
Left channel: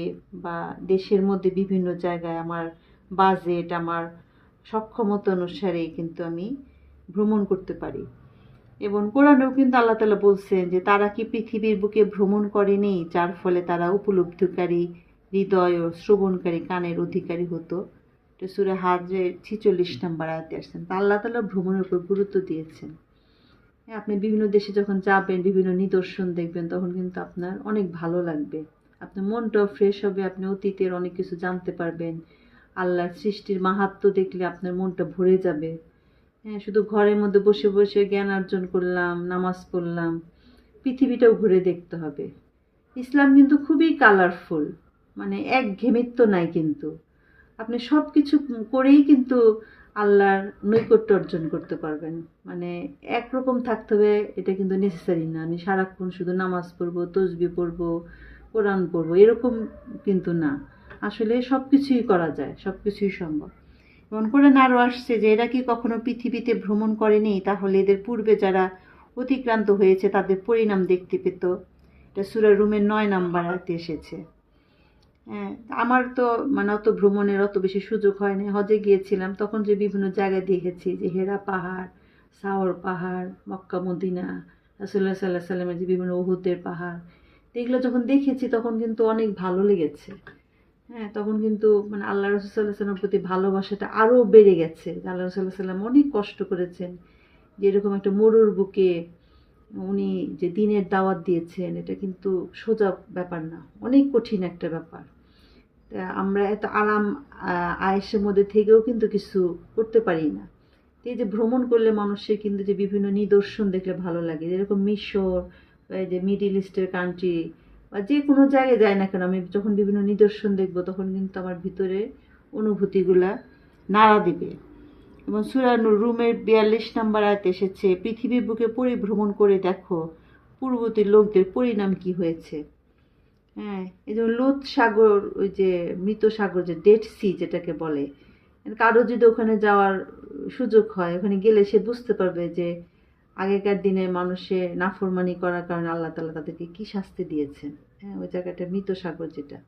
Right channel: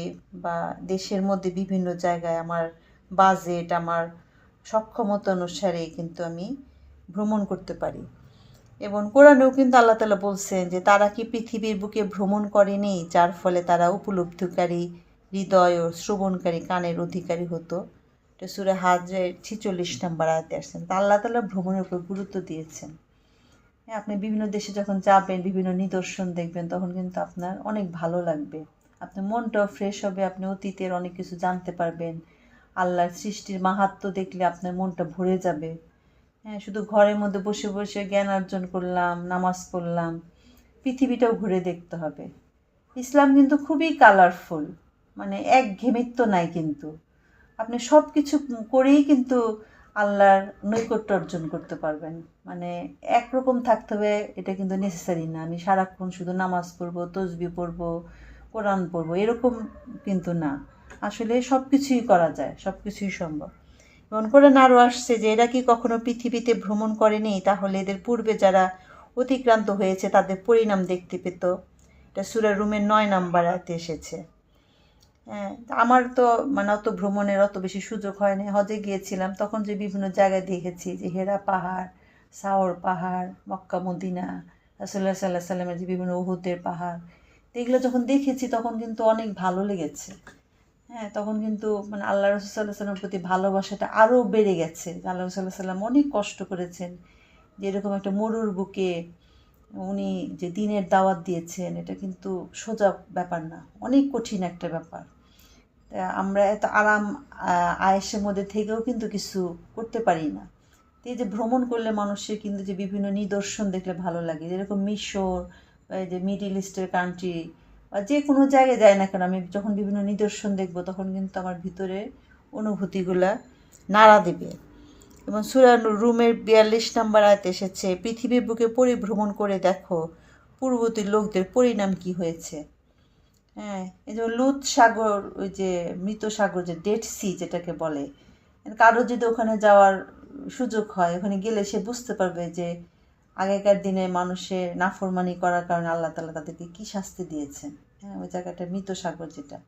বা দেশের মধ্যে বিভিন্ন জায়গায় আমার বাজেট, আমার সক্ষমতা অনুসারে কিন্তু আমি ভ্রমণ করতে পারি। এবং কোরআনেও কিন্তু আল্লাহ তাআলা বলছেন যে তারা কি পৃথিবীর বুকে ভ্রমণ করেনি, যার ফলে তারা উপলব্ধিকারী হৃদয় ও শ্রবণকারী কানের অধিকারী হতো। এটা সূরা হজের 46 নম্বর আয়াতে আসছেন। তা আল্লাহ তাআলা ভ্রমণের উপর গুরুত্ব দিয়েছেন। হ্যাঁ, আপনি বিভিন্ন দেশে যখন যাবেন, বিভিন্ন নিদর্শন দেখবেন, তখন কিন্তু আপনার অনেক ভালো লাগবে, আপনার মনটাও ফ্রেশ হবে, আপনি অতীতের অনেক কিছু জানতে পারবেন। আল্লাহর সৃষ্টির মাহাত্ম্য দেখলে আপনার মনটা ভরে যাবে। হ্যাঁ, শুধু ঘরের মধ্যে বসে বসে জ্ঞান অর্জন করলাম, নামাজ পড়লাম, পৃথিবীটাও ঘুরে দেখতে হবে। ইসলাম কিন্তু খুবই কালারফুল, একঘেয়েমিত্ব নাই, কিন্তু আপনি সব কিছু করেই কিন্তু আল্লাহর নৈকট্য অর্জন করতে পারবেন। একরকম থাকতে হবে এটা কিন্তু নেসেসারি না, আমি সারাক্ষণ শুধু নামাজ পড়বো, তসবিহ পড়বো, কোরআন পড়বো, এরকম কিন্তু না। আসলে সব কিছুই করা যায়, সব কিছুই সম্ভব। এবং কোরআন আরও আসছে যে এরা কি কখনো পৃথিবীতে ভ্রমণ করেনি, তাহলে এদের পূর্বে যারা অতিক্রান্ত হয়েছে তাদের পরিণাম দেখতে পেত। এটা সূরা রুমের 9 নম্বর আয়াতে এসেছে। হ্যাঁ, আমার তো অত ভ্রমণের অত বেশি সুযোগ হয়নি। হজে গিয়েছিলাম, তখন যে বিভিন্ন জায়গায় দেখেছি, যে হেরা পাহাড়, সাওর পাহাড়, মক্কা মদিনা, রাসূলুল্লাহ সাল্লাল্লাহু আলাইহি ওয়াসাল্লামের যে বিভিন্ন উহুদের পাহাড়, এগুলো যখন দেখেছি তখন কিন্তু অনেক ভালো লেগেছে। হ্যাঁ, তখন কিন্তু আল্লাহ রাসূল সাল্লাল্লাহু আলাইহি ওয়াসাল্লামের প্রতি ভালোবাসাটা আরও বেড়ে গেছে। আল্লাহ রাসূল সাল্লাল্লাহু আলাইহি ওয়াসাল্লাম অনেক কষ্ট করেছেন, যে এরকম একটা মরুর বুকে উনি যে দিনের দাওয়াত দিয়েছেন, এটা কিন্তু সোজা ব্যাপার না, অনেক কঠিন একটা ব্যাপার। আমরা এত আরাম আয়েশের মধ্যে থেকেও কিন্তু কিছু করতে পারি না। এই যে ভ্রমণ করলে মানুষের কিন্তু যে বিভিন্ন নিদর্শন দেখলে ভালো লাগে, যেরকম মিশর বা এই যে মিডল ইস্টের কান্ট্রি বা যে কোনো জায়গায় যায় না কেন, আমি যখন বিভিন্ন নিদর্শন দেখব তখন কিন্তু আমার ভিতরে অনুভূতিগুলা নাড়া দেবে। এবং সূরা রুমের 42 নম্বর আয়াতে এসেছে, পৃথিবীর বুকে পরিভ্রমণ করে দেখো পূর্ববর্তী লোকদের পরিণাম কি হয়েছে। হ্যাঁ, এই যেমন লুত সাগর, ওই যে মৃত সাগর, যে ডেড সি যেটাকে বলে, কারো যদি ওখানে যাওয়ার সুযোগ হয়, ওখানে গেলে সে বুঝতে পারবে যে আগেকার দিনে মানুষের নাফরমানি করার কারণে আল্লাহ তাআলা তাদেরকে কী শাস্তি দিয়েছেন। হ্যাঁ, ওই জায়গাটা মৃত সাগর যেটা।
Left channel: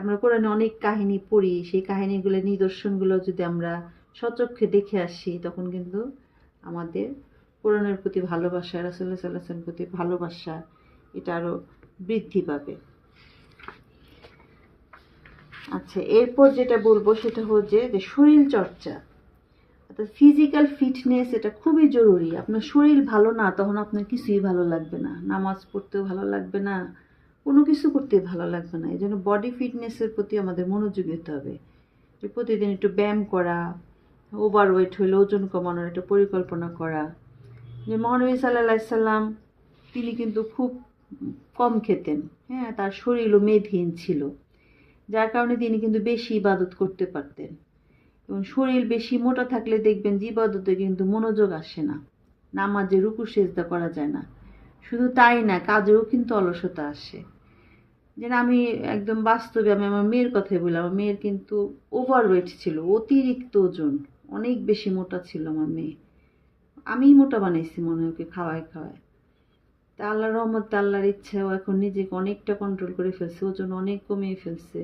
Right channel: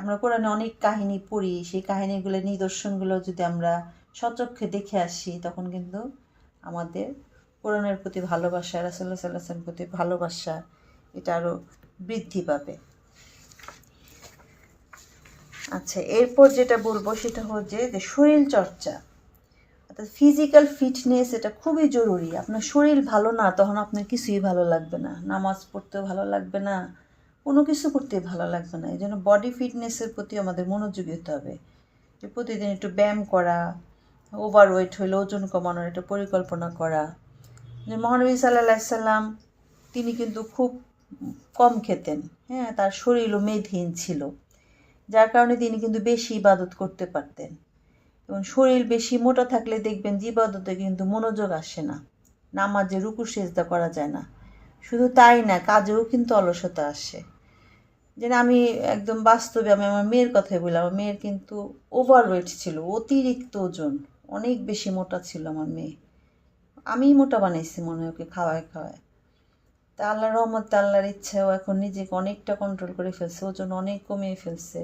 আমরা কোরআনে অনেক কাহিনী পড়ি, সেই কাহিনীগুলো নিদর্শনগুলো যদি আমরা সচক্ষে দেখে আসি, তখন কিন্তু আমাদের কোরআনের প্রতি ভালোবাসা, রাসূলুল্লাহ সাল্লাল্লাহু আলাইহি ওয়াসাল্লামের প্রতি ভালোবাসা এটা আরও বৃদ্ধি পাবে। আচ্ছা, এরপর যেটা বলবো সেটা হচ্ছে যে শরীর চর্চা, অর্থাৎ ফিজিক্যাল ফিটনেস, এটা খুবই জরুরি। আপনার শরীর ভালো না, তখন আপনার কিছুই ভালো লাগবে না, নামাজ পড়তেও ভালো লাগবে না, কোনো কিছু করতে ভালো লাগবে না। এই জন্য বডি ফিটনেসের প্রতি আমাদের মনোযোগী হতে হবে। যে প্রতিদিন একটু ব্যায়াম করা, ওভারওয়েট হলে ওজন কমানোর একটা পরিকল্পনা করা। যে মহানবী সাল্লাল্লাহু আলাইহি সাল্লাম তিনি কিন্তু খুব কম খেতেন। হ্যাঁ, তার শরীরও মেদহীন ছিল, যার কারণে তিনি কিন্তু বেশি ইবাদত করতে পারতেন। এবং শরীর বেশি মোটা থাকলে দেখবেন যে ইবাদতে কিন্তু মনোযোগ আসে না, নামাজে রুকু সেজদা করা যায় না। শুধু তাই না, কাজেও কিন্তু অলসতা আসে। যেন আমি একদম বাস্তবে আমি আমার মেয়ের কথাই বললাম, আমার মেয়ের কিন্তু ওভারওয়েট ছিল, অতিরিক্ত ওজন, অনেক বেশি মোটা ছিল আমার মেয়ে। আমিই মোটা বানাইছি মনে হয় ওকে খাওয়ায় খাওয়ায়। তা আল্লাহর রহমতে, আল্লাহর ইচ্ছাও এখন নিজেকে অনেকটা কন্ট্রোল করে ফেলছে, ওজন অনেক কমিয়ে ফেলছে।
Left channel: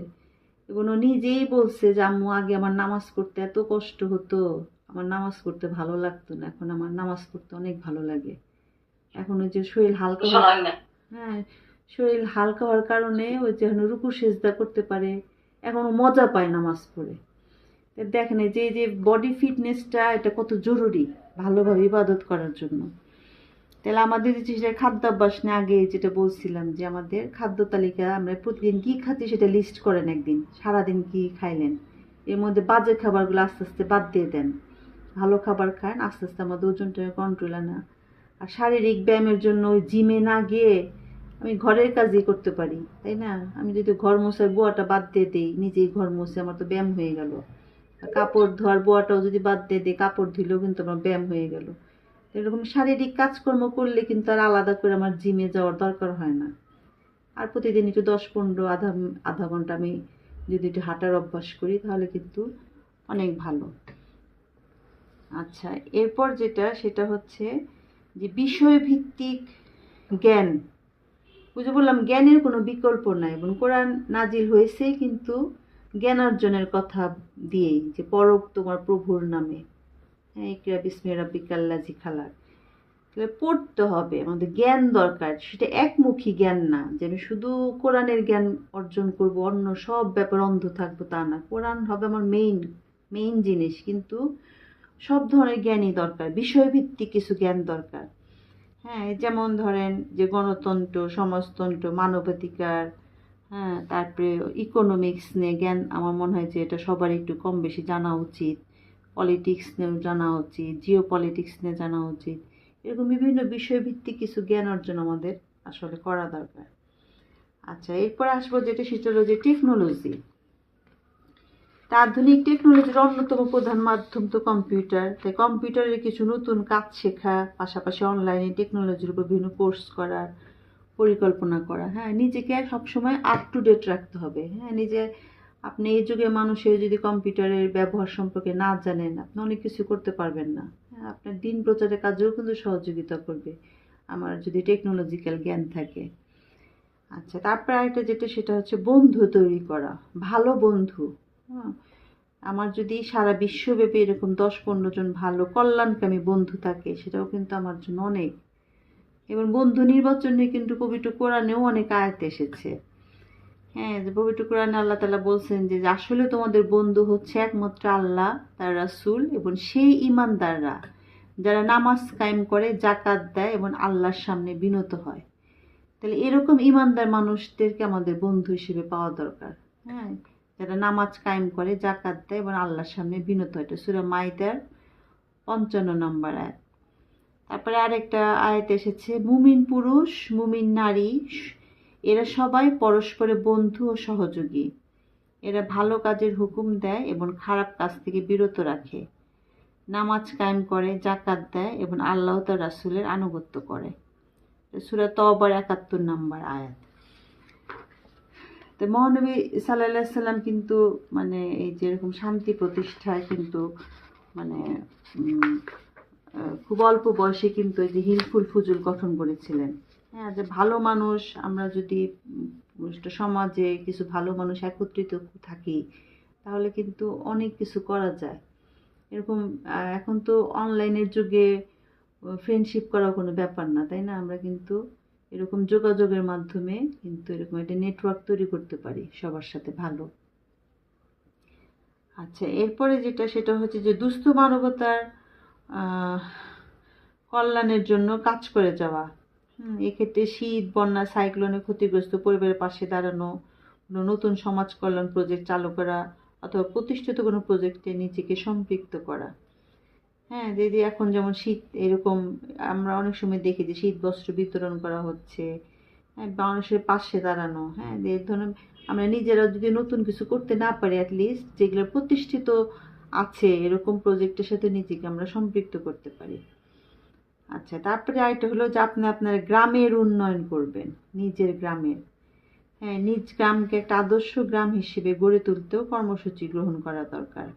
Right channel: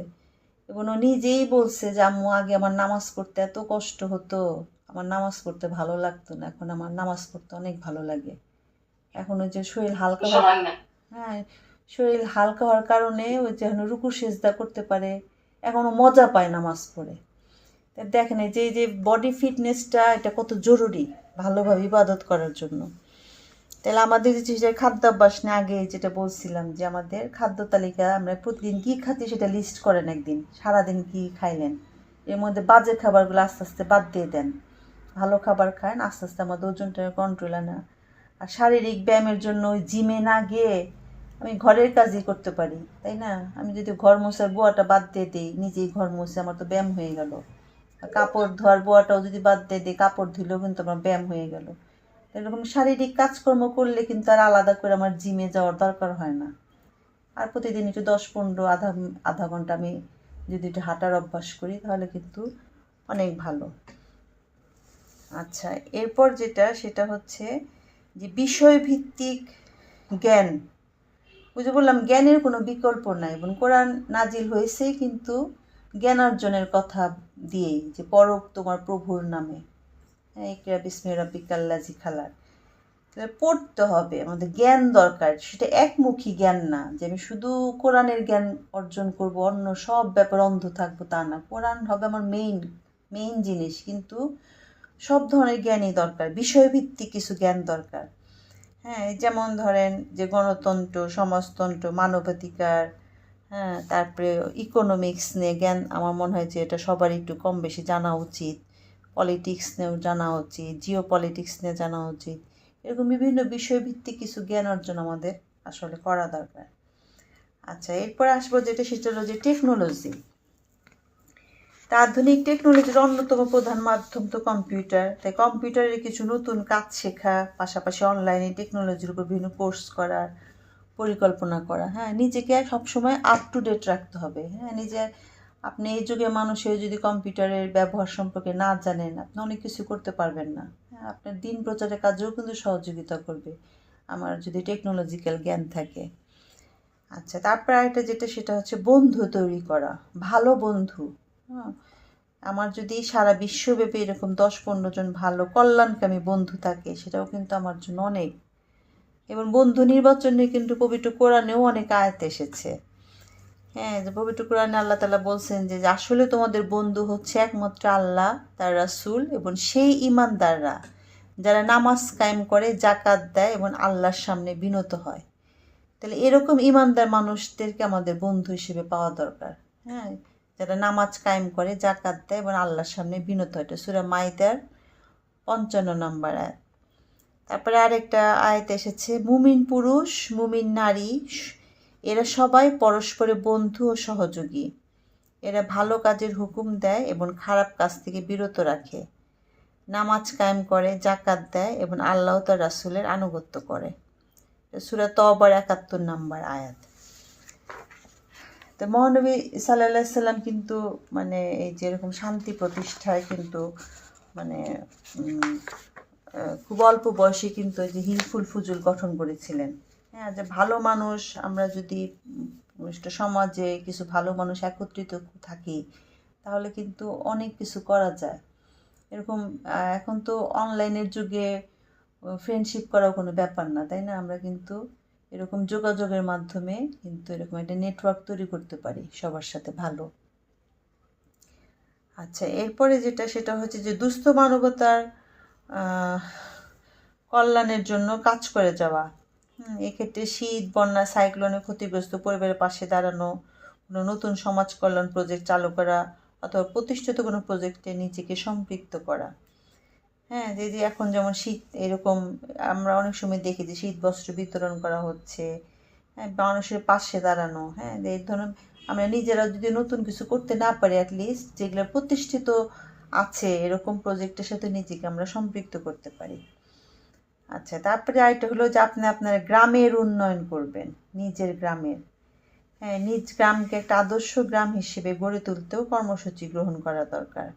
এবং ও নিজেই বলছে যে আম্মু, আগে আমার নামাজ পড়তে এত কষ্ট হতো, আমার নামাজ পড়তে ভালো লাগতো না, এখন আমার নামাজ পড়তে অনেক ভালো লাগে। এখন ওই যে শরীর হালকা হ্যাঁ, শরীর হালকা হওয়ার কারণে ওই যে এখন রুকু সেজদা করতে পারে, এখনও মজা পায় নামাজ পড়ে। দেখেন এই যে বডি ফিটনেসটা, এটা কত জরুরি ভালোভাবে ইবাদত করার জন্য। তাহলে আমাদের যে খাদ্যাভ্যাস নিয়ে আগে যেটা বলছিলাম, যে আমাদের খাদ্য তালিকা, আমরা প্রতিদিন কী খাচ্ছি সেটা লিস্ট করেন, একদিন সারাদিন কী খাইলেন, এর মধ্যে বাজে খাবারগুলো আস্তে আস্তে বাদ দিয়ে দেন, ভালো খাবার খান, আস্তে আস্তে আমাদের ওজনটা কন্ট্রোল আনা। আর শারীরিক ব্যায়ামের জন্য ওই জিমে না গিয়ে আমি ঘরের কাজই করতে পারি, তাই না? আমি যদি ঘর মোছার বুয়াটা বাদ দিয়ে দিই, নিজেই ঘর মুছে, আমার তো ব্যায়াম হয়ে গেল। কাপড় ধোয়ার বুয়াটাও যদি বাদ দিয়ে দিই, কাপড় ধুলেও কিন্তু আমার ব্যায়াম হয়ে গেল। এরকম শারীরিক কাজকর্ম করলে কিন্তু আর আলাদা করে আমার জিমে যাওয়ার দরকার হয় না। আর প্রতিদিন একটু 10-15 আধা ঘন্টা আমি যদি একটু হাঁটার অভ্যাস করি, তাহলে কিন্তু অনেক ভালো। আচ্ছা, এরপর যেটা সেটা হচ্ছে যে বিষয়ভিত্তিক জ্ঞান। ওই যে বললাম, জ্ঞানের কোনো বিকল্প নাই, এবং কোরআন নাজিল হয়েছেই কিন্তু জ্ঞান অর্জনের কথা দিয়েই, যে পড়ো তোমার প্রভুর নামে, হ্যাঁ, ইকরা বিসমি রাব্বিকাল্লাযী খালাক। তাহলে পড়তে হবে, আমাদের জ্ঞান দরকার। সেটা একমুখী জ্ঞান না, যে আমি শুধু কোরআনের জ্ঞান অর্জন করব, অন্য সব ব্যাপার অন্ধ থাকবো, তা না। কোরআন হবে আমার মেইন জিনিস, কিন্তু সব ধরনের জ্ঞানই দরকার, বিষয়ভিত্তিক কিছু জ্ঞান দরকার। হ্যাঁ, যেমন ধরেন যে গণতন্ত্র, সমাজতন্ত্র, মানবাধিকার, হ্যাঁ, তারপরে ইকোনমিক্স নিয়ে জ্ঞান আমার মনে হয় যে এটা সবার একটু কম বেশি জানা উচিত। পলিটিক্স নিয়েও জানা উচিত, জিও পলিটিক্স নিয়ে জানা উচিত। এরকম বিভিন্ন বিষয়ভিত্তিক কিছু জ্ঞান অর্জন আমাদের আসলে করা দরকার। আচ্ছা, এরপর আসবো যেটা, সেটা হলো যে টেকনোলজি। তা আধুনিক টেকনোলজির অন্যতম প্রধান মাধ্যম তো কম্পিউটার। তাই কম্পিউটারের কিছু নতুন কাজ শেখা, পাশাপাশি অনলাইনে টেকনোলজির উপর বিভিন্ন কোর্স করার পরিকল্পনা করা। হ্যাঁ, নিজেকে সবসময় আপ টু ডেট রাখতে হবে। হ্যাঁ, আপনি এই যুগে মানুষের যদি কম্পিউটারের ব্যবহার সম্পর্কে না জানেন, আপনি অনেক কিছু করতে পারবেন না। হ্যাঁ, আপনার দিন প্রচারের কাজেও কিন্তু সহযোগিতা করবে আমার যদি টেকনোলজিক্যাল জ্ঞান থাকে। আচ্ছা, তারপর একটা যেটা, সেটা হচ্ছে বন্ধু তৈরি করা, ভালো বন্ধু। হ্যাঁ, আমার যদি সারা বিশ্বব্যাপী এরকম 10-15 জন ভালো কল্যাণকামী বন্ধু থাকে, সেটাও কিন্তু আমার জন্য অনেক। এবং বন্ধু নির্বাচনে কিন্তু পবিত্র কোরআনেও অনেক আয়াত এসেছে। হ্যাঁ, যে পবিত্র কোরআনে আল্লাহ তাআলা বলছেন যে আসলে তোমাদের বন্ধু হচ্ছে একমাত্র আল্লাহ, তার রাসূল এবং সেই ঈমানদাররা যারা নামাজ কায়েম করে, যাকাত দেয় এবং আল্লাহর সামনে বিনত হয়। তাহলে এরকম ঈমানদার মানুষদেরকে আমাদের বন্ধু হিসেবে পাওয়া দরকার। হ্যাঁ, যারা নামাজ কায়েম করে, যাকাত দেয় এবং আল্লাহর সামনে বিনত হয়। এটা সূরা মাইদার 55 নম্বর আয়াত। তারপরে আরেকটা আয়াত এসেছে, মুমিন পুরুষ, মুমিন নারী, এরা সবাই পরস্পরের বন্ধু ও সহযোগী। এরা ভালো কাজের হুকুম দেয় এবং খারাপ কাজ থেকে বিরত রাখে। নামাজ কায়েম করে, জাকাত দেয় এবং আল্লাহ তার রাসূলের আনুগত্য করে। সূরা তওবার ৭১ নম্বর আয়াত। তো মহানবী সাল্লাল্লাহু আলাইহি সাল্লাম কিন্তু মানে এই যেরকম শান্তি প্রতিষ্ঠায় কিন্তু মানে খুব অল্প বয়সে কিন্তু এই যে হিলফুল ফুজুল গঠন করেছিলেন। হ্যাঁ, যে ভালো মানুষ আমরা যদি একটা সমাজে কিছু ভালো মানুষ একত্রিত থাকি তাহলে কিন্তু অনেক কিছু করা যায়। এরকম এখন তো অনলাইনের যুগে ফ্রেন্ডশিপ করাও কোনো ব্যাপার না, তাই না? আমরা কিন্তু এরকম যোগাযোগের মাধ্যমে কিন্তু এরকম একটা নেটওয়ার্ক তৈরি করতে পারি সবার সাথে ভালো। আচ্ছা, এরপরে যেটা সেটা হচ্ছে যে দুস্থ মানবতার কল্যাণের জন্য কাজ করে যাওয়া। এক্ষেত্রে শীত, বন্যা, সাইক্লোনে ক্ষতিগ্রস্ত পরিবারের পাশে দাঁড়ানো, কোনো নতুন সমাজ কল্যাণ প্রজেক্ট চালু করা অথবা প্রতিষ্ঠিত কোনো প্রজেক্টে নিজেকে সম্পৃক্ত করা। হ্যাঁ, যে এখন যেমন শীত, এরকম আমরা অনেক সময় দেখি যে শীত বস্ত্র বিতরণ করা হচ্ছে, হ্যাঁ, মানুষের পাশে দাঁড়ানো। হ্যাঁ, এই ধরুন আমরা নিজেরা যদি নতুন কিছু করতে না পারি, অ্যাটলিস্ট যেগুলো প্রতিষ্ঠিত আছে এরকম প্রজেক্টের সাথে নিজেকে আমরা সম্পৃক্ত করতে পারি। আচ্ছা, তারপরে আরেকটা হলো যে আপনি আপনার গ্রামের উন্নয়ন করবেন, নিজের গ্রামের। হ্যাঁ, নিজ গ্রামকে একটা আদর্শ গ্রাম হিসেবে গড়ে তুলতেও কর্মসূচি গ্রহণ করা দরকার।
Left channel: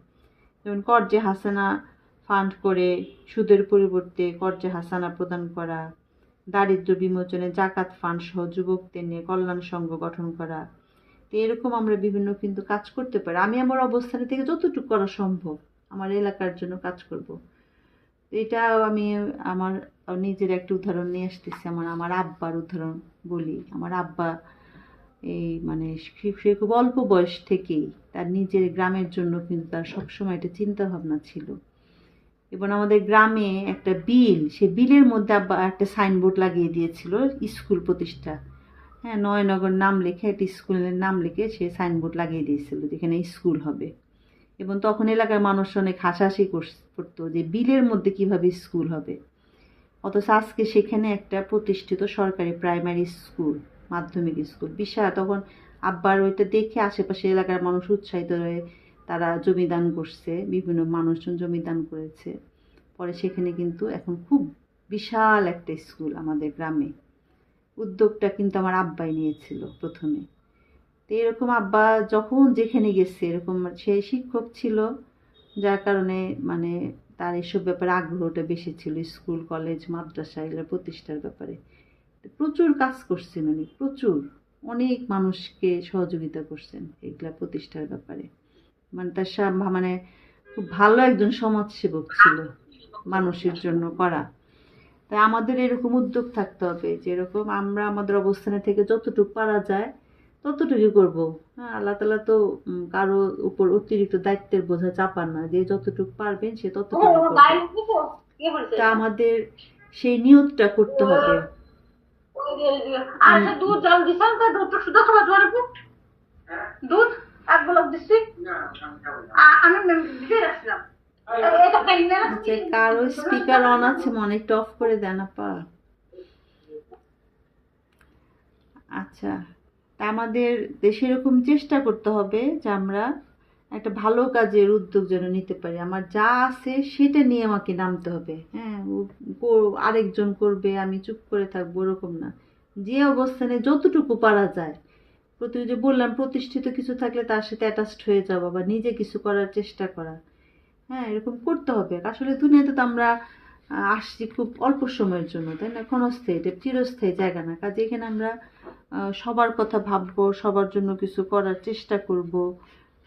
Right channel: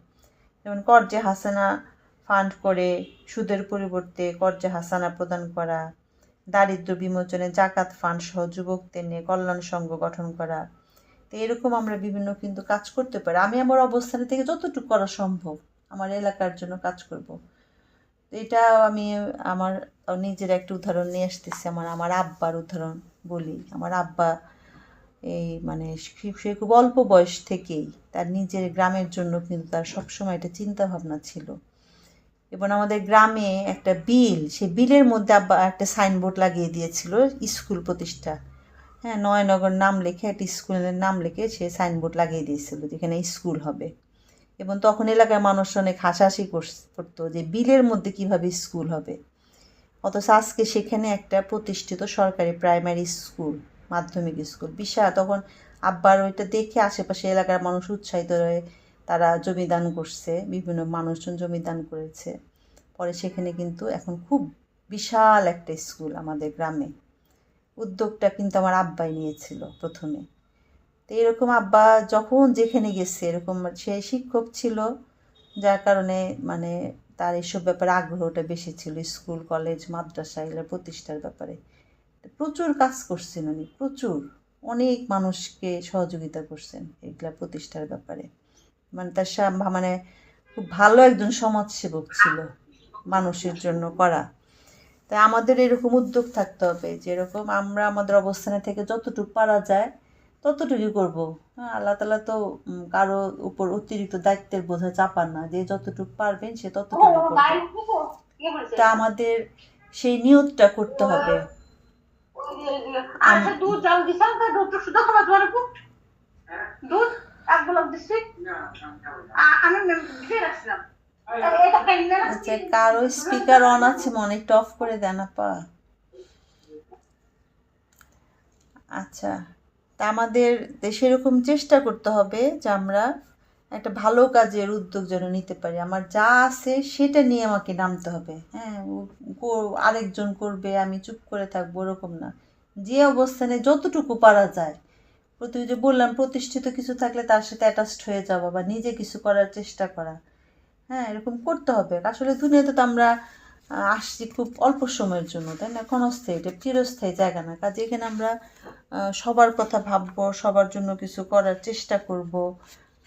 যেমন কর্জে হাসানা ফান্ড করে সুদের পরিবর্তে কর্জে হাসানা প্রদান করা, দারিদ্র বিমোচনে জাকাত ফান্ড সহ যুবকদের নিয়ে কল্যাণ সংঘ গঠন করা। তো এরকম আমরা বিভিন্ন কিন্তু কাজ করতে পারি। আমি আমার অবস্থান থেকে যতটুকু করা সম্ভব আমার এলাকার জন্য কাজ করব। এটাও আমি আমার নিজের একটা উদাহরণ নিয়ে আসতেছি। আমার আব্বার উদাহরণ বলি। আমার আব্বা এই মানে সে খুব অল্প বয়স থেকেই তার নিজের গ্রামের জন্য কিন্তু তার সবসময় একটা চিন্তাভাবনা ছিল। এবং আমাদের গ্রামে একটা বিল, সে বিলের মধ্যে আব্বা একটা সাইনবোর্ড লাগিয়ে দিয়েছিল স্কুল প্রতিষ্ঠা। হ্যাঁ, নয়নগর নাম লিখে একটা স্কুলের নাম লিখে সে সাইনবোর্ড লাগিয়ে দিয়েছিল যেখানে স্কুল হবে। এবং তখন এলাকার মানুষ অনেক হাসাহাসি করতো যে বিলের মধ্যে কিভাবে স্কুল হবে। অথচ আজকে সেখানে একটা প্রতিষ্ঠিত সরকারি প্রাইমারি স্কুল, মাধ্যমিক স্কুল বিশাল। তখন আব্বার ওইটা দেখে আশেপাশে এলাকার মানুষ উৎসাহিত হয়ে তারা জমিদান করছে, বিভিন্ন মানুষজন জমিদান করেছে। পরে সেখানে কিন্তু এখন খুব বিশাল একটা স্কুল আমাদের গ্রামে। উদ্যোগটা কিন্তু আমার আব্বাই নিয়েছিল প্রথমে। তো এরকম আব্বা যখন যেখানে গেছে এরকম সে শিক্ষক ছিল, যার কারণে মানে তার এসব ব্যাপারে আগ্রহটা বেশি ছিল, স্কুল কলেজ মাদ্রাসা এগুলো প্রতিষ্ঠার ব্যাপারে প্রচুর কাজ করছেন উনি, প্রচুর অনেক মানুষকে সহযোগিতা করছেন এগুলা প্রতিষ্ঠার ব্যাপারে। মানে তার মানে খুব ভালো একজন সমাজসেবক ছিল, মানুষের জন্য করা। তাই আমাদের এরকম উদ্যোগ থাকতে হবে, যেরকম আমরা আমাদের অবস্থানে থেকে যতটুকু পারা যায় ততটুকুই করব। হ্যাঁ, আল্লাহ তাআলা তো কারো উপর অতিরিক্ত দায়িত্বের বোঝা চাপান না, যে যতটুকু পারবেন সে ততটুকু করবে। তা আমাদের সেই নিয়তটা করতে হবে। আচ্ছা, কারো স্পিকার অন আছে মনে, একটু অফ করে দেন আপা। আচ্ছা, তা আমাদের সেরকম চেষ্টা করতে হবে যে আমরা একটা ভালো কাজের উদ্যোগ যেন নিতে পারি। আমার যা আছে সেটা নিয়ে আমাকে নামতে হবে। হ্যাঁ, আরেকজন করবে আমি চুপ করে থাকবো ওরকম না, যে অবস্থানে যতটুকু পারা যায়। যে বললাম প্রতিষ্ঠিত কিছু থাকলে তার সাথে অ্যাটাচড হয়ে যাওয়া বা নিজে কিছু করার চেষ্টা করা। হ্যাঁ, এরকম করতে হবে। আসলে দুনিয়াতে তো আমরা আসছি খুব অল্প সময়ের জন্য, তাই না? ক্ষণস্থায়ী, এটা চিরস্থায়ী জায়গা না। কাজে এখানে আমরা সবার কথা ভাববো, সবার জন্য কিছু করার চেষ্টা করব।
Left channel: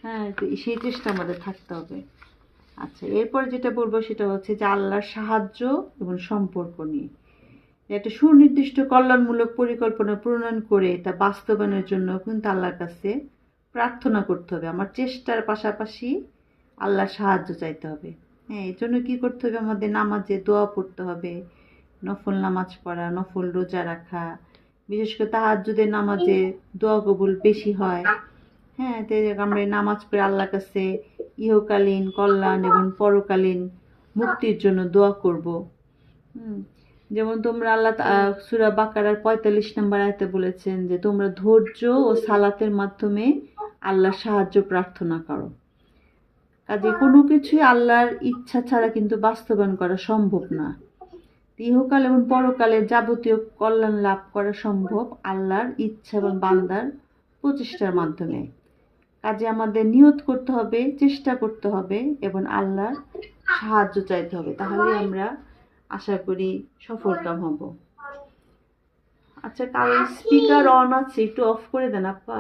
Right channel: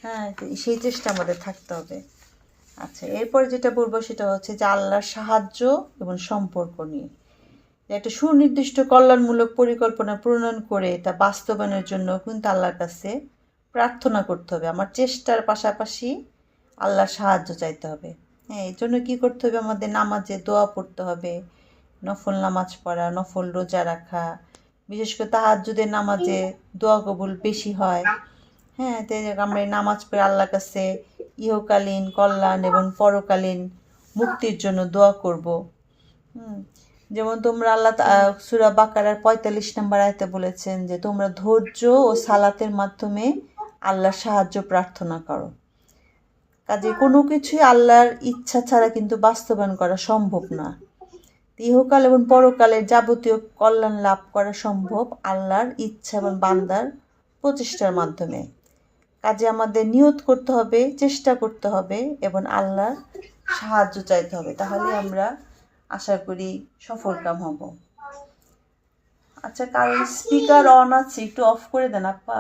হ্যাঁ, সেই চেষ্টা আমাদের থাকতে হবে। আচ্ছা, এরপরে যেটা বলবো সেটা হচ্ছে যে আল্লাহর সাহায্য এবং সম্পর্ক নিয়ে একটা সুনির্দিষ্ট কল্যাণমূলক পরিকল্পনা প্রণয়ন করে এটা বাস্তবায়নের জন্য কিন্তু আল্লাহর কাছে প্রার্থনা করতে হবে। আমার চেষ্টার পাশাপাশি আল্লাহর সাহায্য চাইতে হবে। হ্যাঁ, এই জন্য কী করতে হবে? আমাদের নামাজে দোয়া পড়তে হবে, নফল নামাজ পড়া, নফল রোজা রাখা, বিশেষ করে তাহাজ্জুদের নামাজে দোয়া কবুল বেশি হয়। হ্যাঁ, তাই আমরা নামাজ পড়ে আল্লাহর কাছে ইহকালীন কল্যাণ এবং পরকালীন মুক্তির জন্য দোয়া করব। যেমন তোমরা আল্লাহ সূরা বাকারার 45 নম্বর আয়াতে বলেছেন যে তোমরা ধৈর্য ও সালাতের মাধ্যমে আল্লাহর সাহায্য প্রার্থনা করো। কাজে কোনো কিছুই আল্লাহর ইচ্ছা ছাড়া কিন্তু বাস্তবায়ন করা সম্ভব না। ইহকাল এবং পরকালের যাবতীয় কল্যাণ লাভ করা সম্ভব আল্লাহর ইচ্ছা এবং বান্দার প্রচেষ্টার মাধ্যমে। কাজে আমাদের নিয়ত করতে হবে, চেষ্টা করতে হবে এবং আল্লাহর সাহায্য চাইতে হবে, তাহলে আমরা আশা করি সফলকাম হব। আচ্ছা, কারণ স্পিকার অন আছে, একটু অফ করে দেন আপা।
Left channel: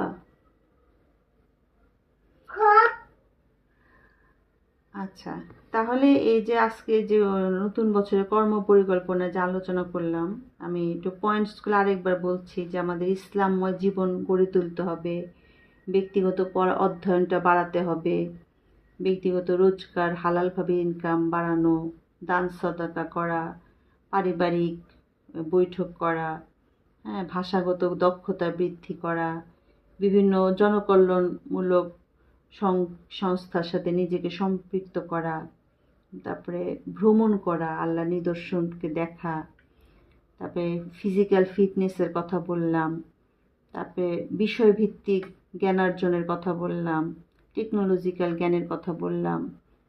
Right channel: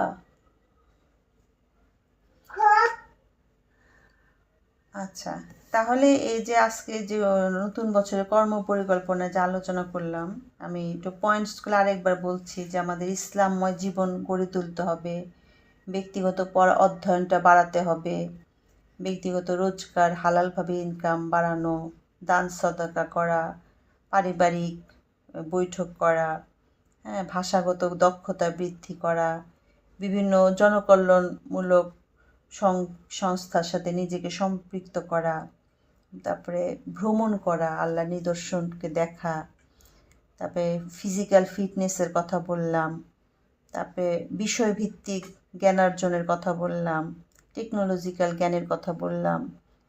আচ্ছা, তাহলে এই যে আজকে যে নতুন বছরের কর্ম পরিকল্পনা যে আলোচনা করলাম, আমি একটু পয়েন্টসগুলো আরেকবার বলছি যে আমাদের ইসলামময় জীবন গড়ে তুলতে হবে, ব্যক্তিগত অধ্যয়নটা বাড়াতে হবে, ব্যক্তিগত রোজগার হালালভাবে ইনকাম বাড়ানো, দান সদাকা করা, পারিবারিক বৈঠক করা, হ্যাঁ, ভাষাগত দক্ষতা বৃদ্ধি করা, বিভিন্ন জনকল্যাণমূলক সংস্থার সাথে নিজেকে সম্পৃক্ত করা, তারপরে ভ্রমণ করা, আল্লাহ নিদর্শনকে দেখা, তারপরে ফিজিক্যাল ফিটনেসের কথা বললাম, তারপরে বিষয়ভিত্তিক জ্ঞানার্জনের কথা বললাম, টেকনোলজিক্যাল জ্ঞানের কথা বললাম,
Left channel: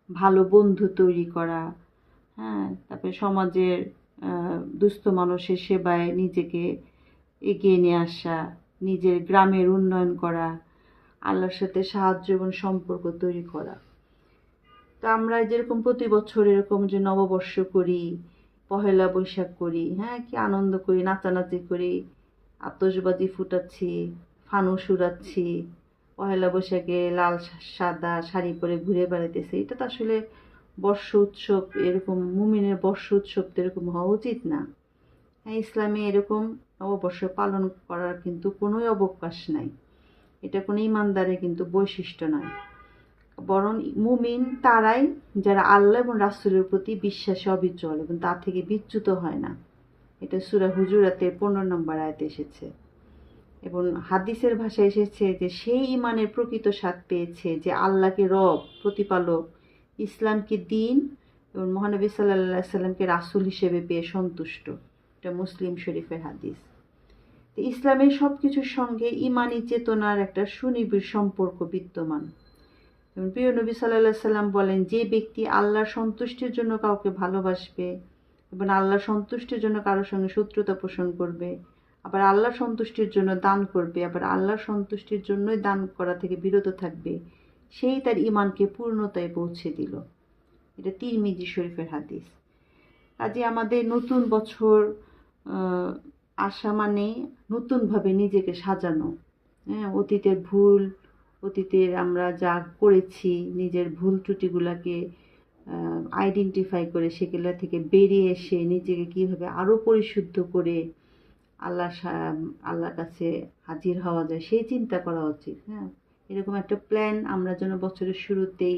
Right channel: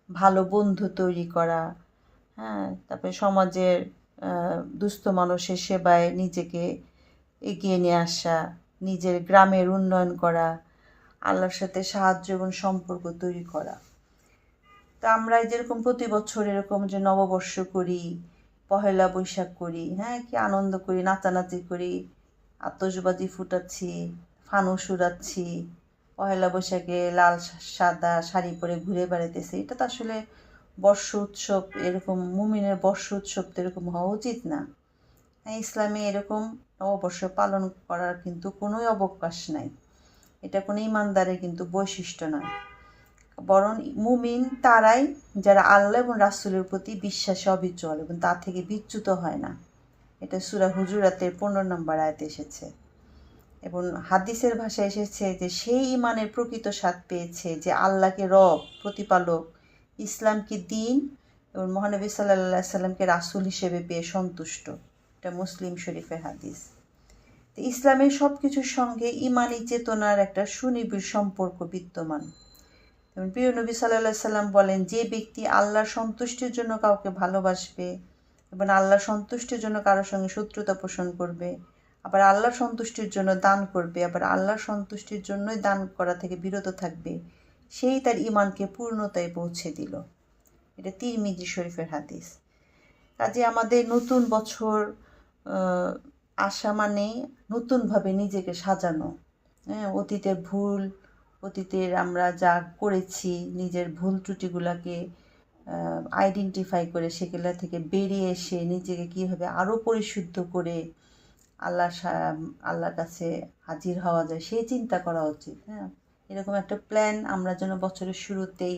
ভালো বন্ধু তৈরি করা, হ্যাঁ, তারপরে সমাজের দুস্থ মানুষের সেবায় নিজেকে এগিয়ে নিয়ে আসা, নিজের গ্রামের উন্নয়ন করা, আল্লাহর সাথে সাহায্য এবং সম্পর্ক তৈরি করা। তা আমরা যেরকম প্রতি বছর এরকম যে নববর্ষ করি, পহেলা বৈশাখ করি, হ্যাঁ, কি আনন্দ করি, নাচানাচি করি, আতশবাজি ফুটাচ্ছি, ফানুস উড়াচ্ছি, পহেলা বৈশাখে লাল সাদা শাড়ি পরে ঘুরে বেড়াইতেছি, এটা তো আসলে বর্ষ উৎসব, এরকম মুমিনের বর্ষ উৎসব তো এরকম হওয়া উচিত না। হ্যাঁ, ইসলামে এরকম নববর্ষ পালন করার কিন্তু কোনোই অবকাশ নাই, এটা কোনো ইমানদারের কিন্তু বৈশিষ্ট্য নয়। বরং মুমিন তারাই যারা আল্লাহ এবং রাসূলের প্রতি বিশ্বাসে অবিচল এবং তা থেকে বিচ্যুত হয় না। এটা সূরা হুজুরাতের 15 নম্বর আয়াতে এসেছে। এবং হাদিসের ভাষায় এসেছে যে সেই ইমানের প্রকৃত স্বাদ পেয়েছে যে আল্লাহকে রব, প্রতিপালক, ইসলামকে দিন এবং মহানবী সাল্লাল্লাহু আলাইহি সাল্লামকে রাসূল হিসেবে পেয়ে সন্তুষ্ট। এটা মুসলিম শরীফের হাদিস। তো ইসলামের সব কিছুর সঙ্গে ইমানি চেতনার একটা সুনিবিড় সম্পর্ক বিদ্যমান। এবং প্রিয় নবী সাল্লাল্লাহু আলাইহি সাল্লাম বলেন, যে ব্যক্তি আল্লাহর সন্তুষ্টির জন্য কাউকে ভালোবাসবে এবং আল্লাহর সন্তুষ্টির জন্য কারোর সঙ্গে শত্রুতা পোষণ করবে, আবার আল্লাহর সন্তুষ্টির জন্য দান করবে, আবার আল্লাহর সন্তুষ্টির জন্যই দান করা থেকে বিরত থাকবে, সেই তার ইমানকে পূর্ণতায় পৌঁছে দিল। এটা তিরমিজি শরীফের হাদিস। কাজে আমাদের নতুন বছর আসা মানে নতুনভাবে নিজেকে সাজানো, হ্যাঁ, অতীতের আমরা যা করেছি, নিজের ভুল ত্রুটিগুলোকে আইডেন্টিফাই করে সেগুলো থেকে বেরিয়ে এসে নিজেকে কীভাবে আরও পরিশুদ্ধ করে আল্লাহর কাছে হাজির হওয়া যায় সেই চিন্তা করা উচিত। হ্যাঁ, এরকম একটা প্ল্যান আমরা যেন বছরের শুরুতেই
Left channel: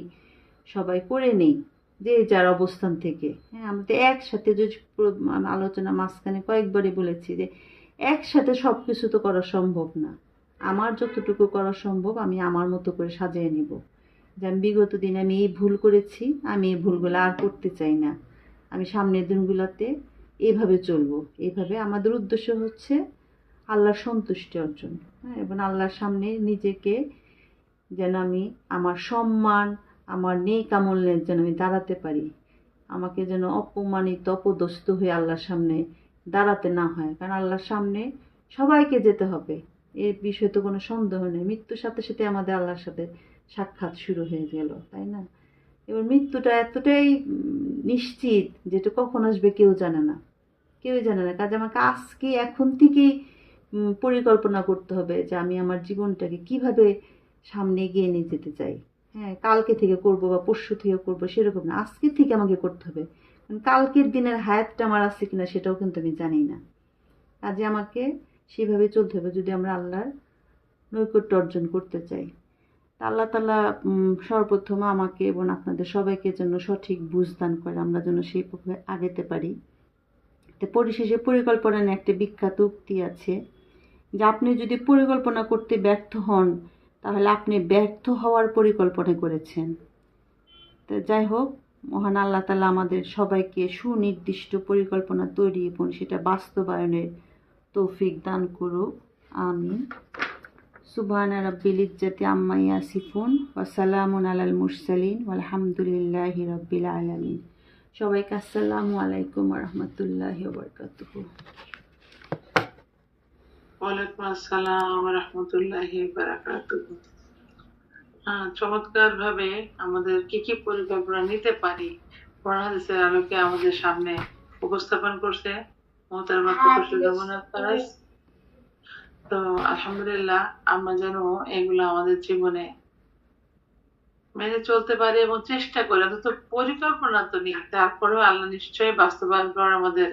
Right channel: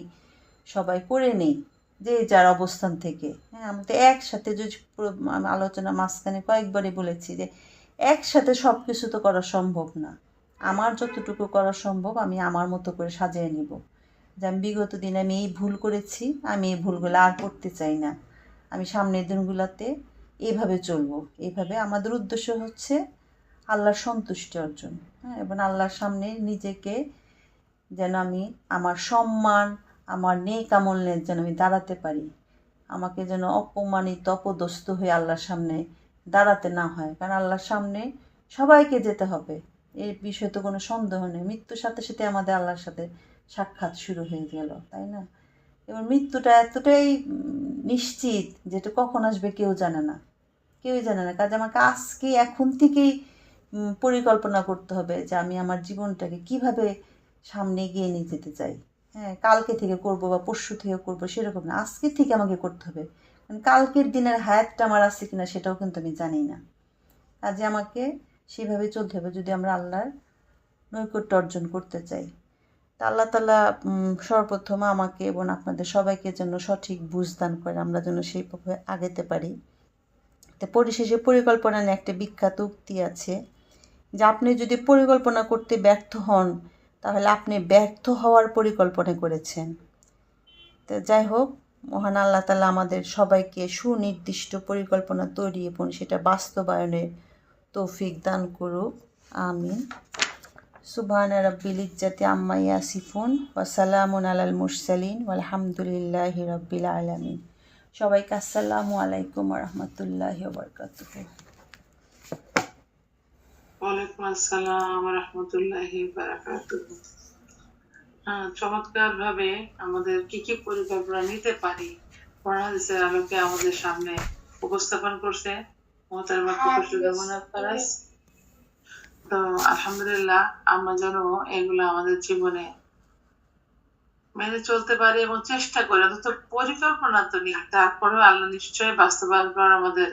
সবাই করে নেই, যে যার অবস্থান থেকে। হ্যাঁ, আমরা তো একসাথে যদি আলোচনা মাঝখানে কয়েকবারই বলেছি যে একসাথে সব কিছু তো করা সম্ভব না। আমার যতটুকু করা সম্ভব আমি আমার মতো করে সাজিয়ে নেব, যে আমি বিগত দিনে আমি এই ভুল করেছি, আমি এই ভুলগুলো আর করতে চাই না, আমি সামনের দিনগুলোতে এইভাবে চলবো। এইভাবে আমাদের উদ্দেশ্য হচ্ছে আল্লাহর সন্তুষ্টি অর্জন, হ্যাঁ, এবং আল্লাহর সামনে নিজেকে যেন আমি আমার সম্মান, আমার নেক আমলের যেন আমি দাঁড়াতে পারি, আমাকে যেন অপমানিত অপদস্থ হয়ে আল্লাহর সামনে দাঁড়াতে না হয়। কারণ আল্লাহর সামনে সবাইকে যেতে হবে, এর বিষয়ে তো কোনো সন্দেহ নেই। মৃত্যুর সাথে সাথে আমাদের আল্লাহর সাথে সাক্ষাৎ শুরু হয়ে গেল, তাই না? এবার মৃত্যুটা এতটাই নিশ্চিত যেটা কখন আসবে কেউই জানে না। কাজে আমাকে আজকে এখন থেকেই পরিকল্পনা করতে হবে যে আমি আমার জীবনটাকে কিভাবে সামনে এগিয়ে নিয়ে যেতে চাই। হ্যাঁ, কালকে থেকে করব বা পরশু থেকে করব সেরকম না, আজকে থেকে আমাকে করতে হবে। কারণ কালকের দিনের হায়াতটা আমার আছে কিনা সেটাও কিন্তু আমি জানি না। কাজে আমাকে সেভাবে চলতে হবে যদি আমরা আল্লাহর নৈকট্য অর্জন করতে চাই। তা আল্লাহ তাআলা সর্বপ্রথম আমাকে এবং আপনাদের সবাইকে যেন সঠিক বুঝ দান করে, আমরা যেন সেইভাবে আগাতে পারি। তো পরিশেষে পরিকল্পনা নিয়ে একটা বিখ্যাত উক্তি আছে যে আপনি যদি পরিকল্পনা করতে ব্যর্থ হন তাহলে আপনি ব্যর্থ হওয়ার পরিকল্পনা করেছেন। তো যাই হোক, মহান আল্লাহ তাআলা আমাদের সবাইকে সুনির্দিষ্ট পরিকল্পনা তৈরি এবং সেটা বাস্তবায়নের তৌফিক দান করুক, আমিন। সুবহানা রাব্বিল ইজ্জাতি আম্মা ইয়াসিফুন ওয়া সালামুন আলাল মুরসালিন ওয়ালহামদুলিল্লাহি রাব্বিল আলামিন। সবাইকে আসসালামু আলাইকুম ওয়া রাহমাতুল্লাহি ওয়া বারাকাতুহু। ওয়ালাইকুম আসসালাম ওয়া রাহমাতুল্লাহি ওয়া বারাকাতুহু। চমৎকার ভাবে আমাদের কি পরিকল্পনা নিতে পারি কোরআন হাদিসের আলোকে আমাদের সামনে উপস্থাপন করছে মোহতারামা প্রকৌশলী যমুনা ফারাজ। তো আলহামদুলিল্লাহ আমরা যেন এগুলো আমাদের জীবনে মেনে চলতে পারি এবং চেষ্টা করি, অন্তত পরিকল্পনা তো নিই, তারপরেও আল্লাহ নিশ্চয়ই বাস্তবায়ন করার আমাদের